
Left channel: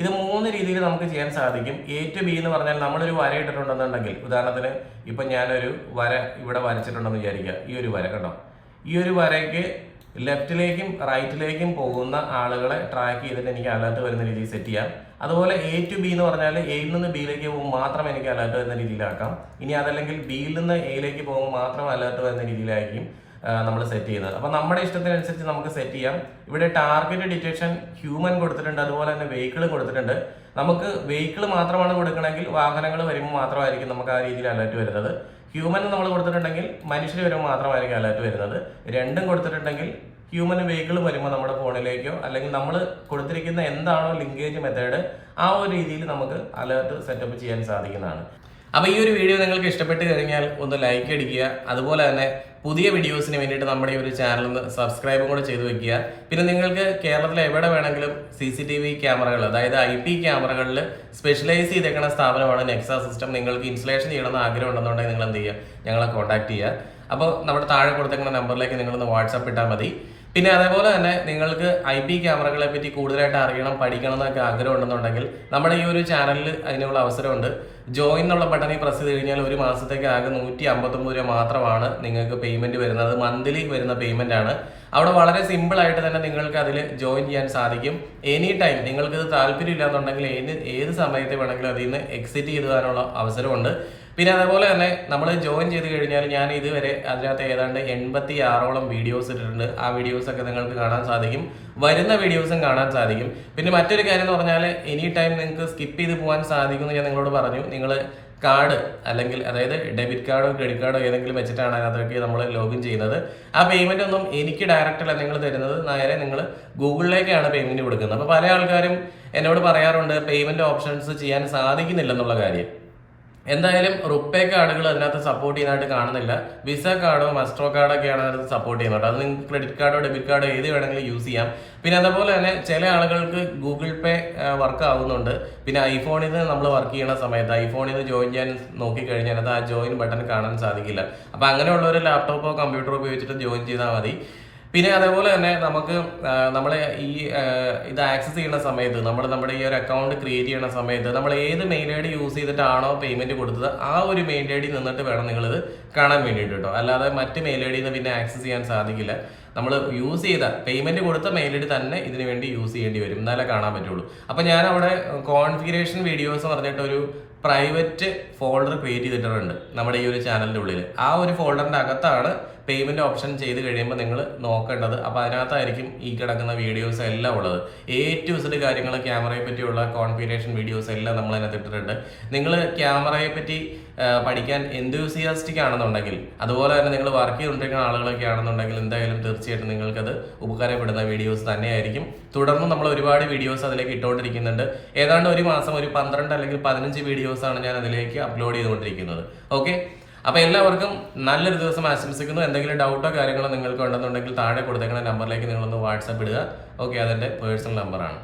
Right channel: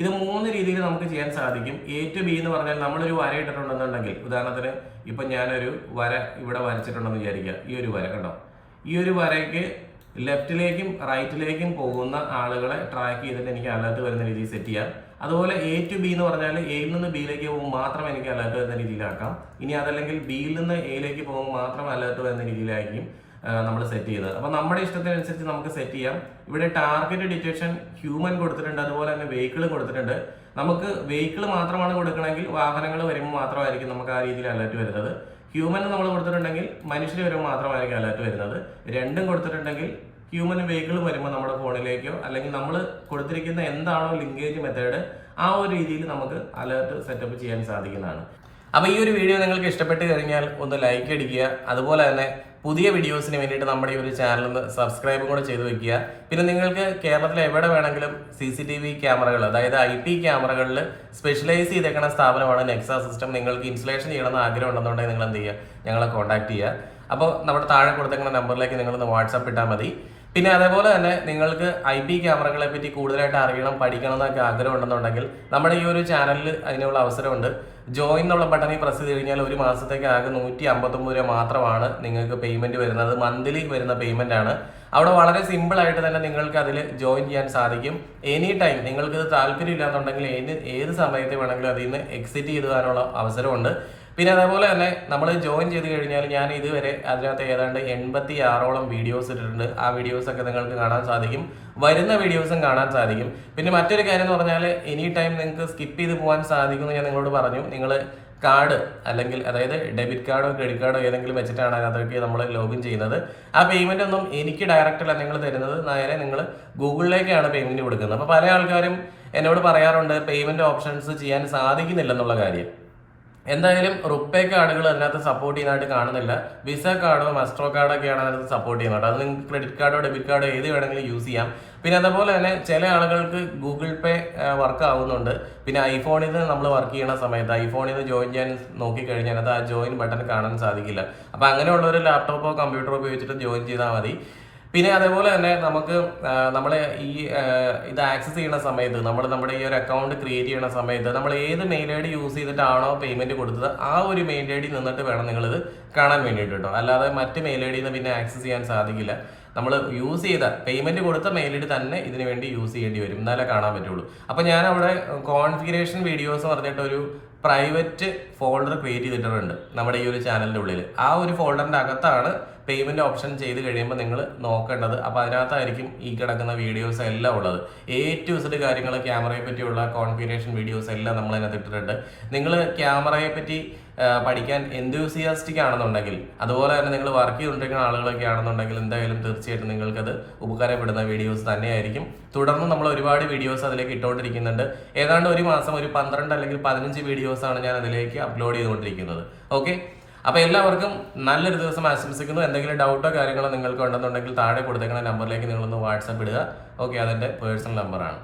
ഇത് 3 രീതിയിൽ നമുക്ക് ചെയ്യാൻ സാധിക്കും. A to B എന്ന് പറഞ്ഞാൽ നമ്മളൊരു വര ഇട്ടിട്ടുണ്ടെന്നുണ്ടെങ്കിൽ, ഉദാഹരണത്തിന് ഇപ്പം ഞാനൊരു വര ഇവിടെ വരച്ചിട്ടുണ്ടെന്ന് വിചാരിക്കുക. ഈ ഒരു വര കണ്ടോ, ഈ ഒരു വരയ്ക്ക് ലെഫ്റ്റിലേക്കും റൈറ്റിലേക്കും പോകുന്ന ആളുകളെ ട്രാക്ക് ചെയ്തിട്ട് എനിക്ക് അലേർട്ട് വരുന്ന രീതിയിൽ സെറ്റ് ചെയ്യാം. അതുപോലെ A to B എന്ന് പറഞ്ഞാൽ Aയിൽ നിന്ന് Bയിലേക്ക് പോകുമ്പോൾ മാത്രം എനിക്ക് അലേർട്ട് വരുന്ന രീതിയിലാക്കാം. ഇനി അതല്ലെങ്കിൽ Bയിൽ നിന്ന് Aയിലേക്ക് പോകുമ്പോൾ മാത്രം അലേർട്ട് വരുന്ന രീതിയിലായിരിക്കും നമ്മൾ സെറ്റ് ചെയ്യുന്നത്. അപ്പോൾ നമ്മുടെ ഇഷ്ടത്തിനനുസരിച്ച് നമുക്ക് സെറ്റ് ചെയ്യാം. ഇവിടെ ടാർഗറ്റ് ഡിറ്റക്ഷൻ ഹ്യൂമൻ കൊടുത്തിട്ടുണ്ട്, അതുപോലെ തന്നെ വെഹിക്കിൾ കൊടുത്തിട്ടുണ്ട്. നമുക്ക് വെഹിക്കിൾ മാത്രമാണ് കൊടുക്കണമെങ്കിൽ വാഹനങ്ങൾ വരുമ്പോൾ മാത്രമായിരിക്കും നമുക്ക് ആ രീതിയിൽ അലേർട്ട് വരുന്നത്. ഹ്യൂമൻ നമ്മൾ കൊടുത്തിട്ടുണ്ടെങ്കിൽ മനുഷ്യർ വരുമ്പോൾ മാത്രമായിരിക്കും അലേർട്ട് വരുന്നത്. രണ്ടും കൊടുത്തിട്ടുണ്ടെങ്കിൽ ഹ്യൂമനും വെഹിക്കിൾ വരുമ്പോൾ നമ്മുടെ ഫോണിലേക്കോ അല്ലെങ്കിൽ നമ്മൾ കൊടുത്തിരിക്കുന്ന എന്താണോ ലിങ്കേജ് മെത്തേഡ് ആ ഒരു രീതിയിൽ നമുക്ക് അലേർട്ട് സെറ്റപ്പ് ചെയ്യാൻ സാധിക്കുന്നതാണ്. അപ്പോൾ ഈ ഒരു വീഡിയോ നിങ്ങൾക്ക് ഇഷ്ടപ്പെട്ട് കഴിഞ്ഞാൽ ഒന്ന് ലൈക്ക് അടിക്കുക. അതുപോലെ തന്നെ പുതിയ വീഡിയോസിന് വേണ്ടിയിട്ട് നമ്മുടെ ഈ ഒരു ചാനൽ സബ്സ്ക്രൈബും കൂടെ ചെയ്ത് വെക്കുക. പിന്നെ നിങ്ങൾക്ക് കേരളത്തിൽ എവിടെ വേണമെങ്കിലും CCTV ക്യാമറകൾ, അതായത് IP ക്യാമറകളിൽ സ്പെഷ്യലൈസ് ചെയ്തേക്കുന്ന സ്ഥാപനമാണ് നെക്സ സിസ്റ്റം. നിങ്ങൾക്ക് ഇൻസ്റ്റലേഷൻ ചെയ്യണമെന്ന് ആഗ്രഹം ഉണ്ടെന്നുണ്ടെങ്കിൽ നിങ്ങൾ എന്ത് ചെയ്യുക, ഞങ്ങളെ കോൺടാക്ട് ചെയ്യുക. അപ്പോൾ നമ്മുടെ താഴെ കൊടുത്തേക്കുന്ന നമ്പറിലേക്ക് നിങ്ങളൊന്ന് വാട്സാപ്പ് ഇട്ടാൽ മതി. പിന്നെ അതേപോലെ തന്നെ നിങ്ങൾക്ക് IP ക്യാമറകളെ പറ്റി കൂടുതലായിട്ട് അറിയണം, പഠിക്കണം എന്നൊക്കെ ആഗ്രഹം ഉണ്ടെന്നുണ്ടെങ്കിൽ നമ്മുടെ ഈ ഒരു ചാനലിൽ അതിനുള്ള അവസരമുണ്ട്. ജോയിൻ എന്നുള്ള ബട്ടണിൽ പ്രസ് ചെയ്ത് കഴിഞ്ഞാൽ ഒരു മാസത്തേക്ക് ആകെ 159 രൂപ മാത്രമാണ് നിങ്ങൾക്ക് പേയ്മെന്റ് വരുന്നത്. മന്ത്ലി വരുന്ന പേയ്മെന്റ് ആണ്. അവിടെ വളരെ സിമ്പിൾ ആയിട്ട് തന്നെ നിങ്ങൾക്ക് അതിൽ ജോയിൻ ചെയ്യാൻ സാധിക്കും. എനി ടൈം നിങ്ങൾക്ക് ഇത് താല്പര്യം ഇല്ലാന്നുണ്ടെങ്കിൽ ഏത് സമയത്ത് വേണമെങ്കിലും അതിൽ നിന്ന് എക്സിറ്റ് ചെയ്തുവാനുള്ള അവസരമുണ്ട്. പിന്നെ അതേപോലെ തന്നെ നമ്മൾ ജോയിൻ ചെയ്ത് കഴിഞ്ഞാൽ ഞാൻ ഇതുവരെ അതിനകത്ത് ഏതാണ്ട് 86ഓളം വീഡിയോസ് ഇട്ടിട്ടുണ്ട്. ആ വീഡിയോസൊക്കെ നിങ്ങൾക്ക് കാണാൻ സാധിക്കും, വരുന്ന വീഡിയോസും കാണാൻ സാധിക്കും. പിന്നെ മറ്റൊരു കാര്യം എന്ന് പറഞ്ഞാൽ എനി ടൈം നിങ്ങൾക്ക് സ്കിപ്പ് ചെയ്ത് പോകാൻ സാധിക്കുമെന്ന് ഞാൻ നിങ്ങളോട് പറഞ്ഞു. നിങ്ങൾ കാർഡ് അല്ലെങ്കിൽ അതായത് ഡെബിറ്റ് കാർഡോ ക്രെഡിറ്റ് കാർഡോ ഏതെങ്കിലും വെച്ചിട്ടാണ് അതിനകത്തേക്ക് നമ്മൾ ലോഗിൻ ചെയ്യുന്നത്. ആ പേയ്മെന്റ് ഒന്നും എനിക്ക് ഡയറക്റ്റ് അല്ല നിങ്ങൾ തരുന്നത്, നേരെ നിങ്ങൾ ഗൂഗിളിലേക്കാണ് പേയ്മെന്റ് കൊടുക്കുന്നത്. അപ്പോൾ പല ആൾക്കാരും എന്നോട് പറയാറുണ്ട് പേയ്മെന്റ് ഓപ്ഷൻസ് ചെയ്യാൻ സാധിക്കുന്നില്ലെന്നുള്ള കാര്യം. എന്തായാലും റുപ്പേ കാർഡുകൾ അതിനകത്ത് സപ്പോർട്ട് ചെയ്യുന്നതായിട്ട് കാണുന്നില്ല. വിസ കാർഡോ മസ്റ്റർ കാർഡൊക്കെയാണ് അതിനകത്ത് സപ്പോർട്ട് ചെയ്യുന്നത്. അത് നിങ്ങൾക്ക് ക്രെഡിറ്റ് കാർഡോ ഡെബിറ്റ് കാർഡോ ഏത് വേണമെങ്കിലും യൂസ് ചെയ്യാം. പിന്നെ അതേപോലെ തന്നെ ചില ആളുകൾക്ക് ഗൂഗിൾ പേ വർക്ക് ആവുന്നുണ്ട്. പിന്നെ ഐഫോണിൽ നിന്ന് നമ്മൾ വർക്ക് ചെയ്യുന്ന സമയത്ത് ഐഫോണിൽ നിന്ന് ജോയിൻ ചെയ്യാൻ നോക്കിക്കഴിഞ്ഞാൽ അത് ആ ജോയിൻ ബട്ടൺ കാണാൻ സാധിക്കില്ല. അപ്പോൾ അങ്ങനെയുള്ള ഒരു ലാപ്ടോപ്പോ കമ്പ്യൂട്ടറോ ഉപയോഗിച്ചിട്ട് ജോയിൻ ചെയ്താൽ മതി. പിന്നെ അതേപോലെ തന്നെ നമുക്ക് നമ്മളെ ഈ ഇത് ആക്സസ് ചെയ്യുന്ന സമയത്ത് നമ്മുടെ ഈ ഒരു അക്കൗണ്ട് ക്രിയേറ്റ് ചെയ്യുന്ന സമയത്ത് നമ്മൾ ഏത് മെയിൽ ID യൂസ് ചെയ്തിട്ടാണോ പേയ്മെന്റ് കൊടുത്തത് ആ ഒരു മെയിൽ ID നിന്നിട്ട് വേണം നിങ്ങളിത് കാണാൻ വേണ്ടിയിട്ട് കേട്ടോ. അല്ലാതെ മറ്റ് മെയിൽ ID നിന്ന് പിന്നെ ആക്സസ് ചെയ്യാൻ സാധിക്കില്ല. നമ്മൾ യൂസ് ചെയ്ത പേയ്മെന്റ് കൊടുത്ത മെയിൽ ID തന്നെ ഇതിനു വേണ്ടി യൂസ് ചെയ്യേണ്ടി വരും, എന്നാലേ കാണാൻ പറ്റുള്ളൂ. അപ്പോൾ ഞാൻ അവിടെ കോൺഫിഗറേഷൻ വീഡിയോസ് പറഞ്ഞിട്ട് ഒരു പ്രൈവറ്റ് ഫോൾഡർ ക്രിയേറ്റ് ചെയ്തിട്ടുണ്ട് നമ്മുടെ ഈ ഒരു ചാനലിൻ്റെ ഉള്ളിൽ. ആ ഒരു ഫോൾഡറിൻ്റെ അകത്താണ് പേയ്മെൻറ്റ് ഓപ്ഷൻ ചെയ്ത് കഴിയുമ്പോൾ നിങ്ങൾ നോക്കേണ്ടത്. അപ്പോൾ അതിനകത്തായിരിക്കും ഈ കിടക്കുന്ന വീഡിയോസ് എല്ലാം ഉള്ളത്. A to Z കാര്യങ്ങൾ, ക്യാമറയെ പറ്റിയുള്ള കോൺഫിഗറേഷൻ വീഡിയോസ് എല്ലാം നമ്മൾ അതിനകത്ത് ഇട്ടിട്ടുണ്ട്. നിങ്ങൾ ക്യാമറയെ പറ്റി പഠിക്കാൻ എന്തൂസിയാസ്റ്റിക് ആണെന്നുണ്ടെങ്കിൽ, അതുപോലെ തന്നെ നിങ്ങൾ വർക്ക് ചെയ്തുകൊണ്ടിരിക്കുന്ന ആളുകളൊക്കെ ആണെന്നുണ്ടെങ്കിൽ എന്തായാലും തീർച്ചയായിട്ടും നിങ്ങൾക്കത് ഉപകാരപ്പെടുന്ന വീഡിയോസ് തന്നെയായിരിക്കും. തുടർന്ന് നമ്മൾ ഒരുപാട് വീഡിയോസ് അതിലേക്ക് ഇട്ടുകൊണ്ടിരിക്കുന്നുണ്ട്. ഏതാണ്ട് ഒരു മാസം ഒരു 12 അല്ലെങ്കിൽ 15 വീഡിയോസാണ് ഞാൻ അതിലേക്ക് അപ്ലോഡ് ചെയ്തുകൊണ്ടിരിക്കുന്നത്. ഓക്കെ, അപ്പോൾ എല്ലാവർക്കും നല്ലൊരു ദിവസം ആശംസിക്കുന്നു. എന്തെങ്കിലും ഡൗട്ടോ കാര്യങ്ങളോ നിങ്ങൾക്ക് ഉണ്ടെന്നുണ്ടെങ്കിൽ താഴെ കൊടുത്തേക്കുന്ന നമ്പറിലേക്ക് നിങ്ങളൊന്ന് വാട്സാപ്പ് ഇടുക. ഓക്കെ, അതെൻ്റെ പേഴ്സണൽ നമ്പറാണ്.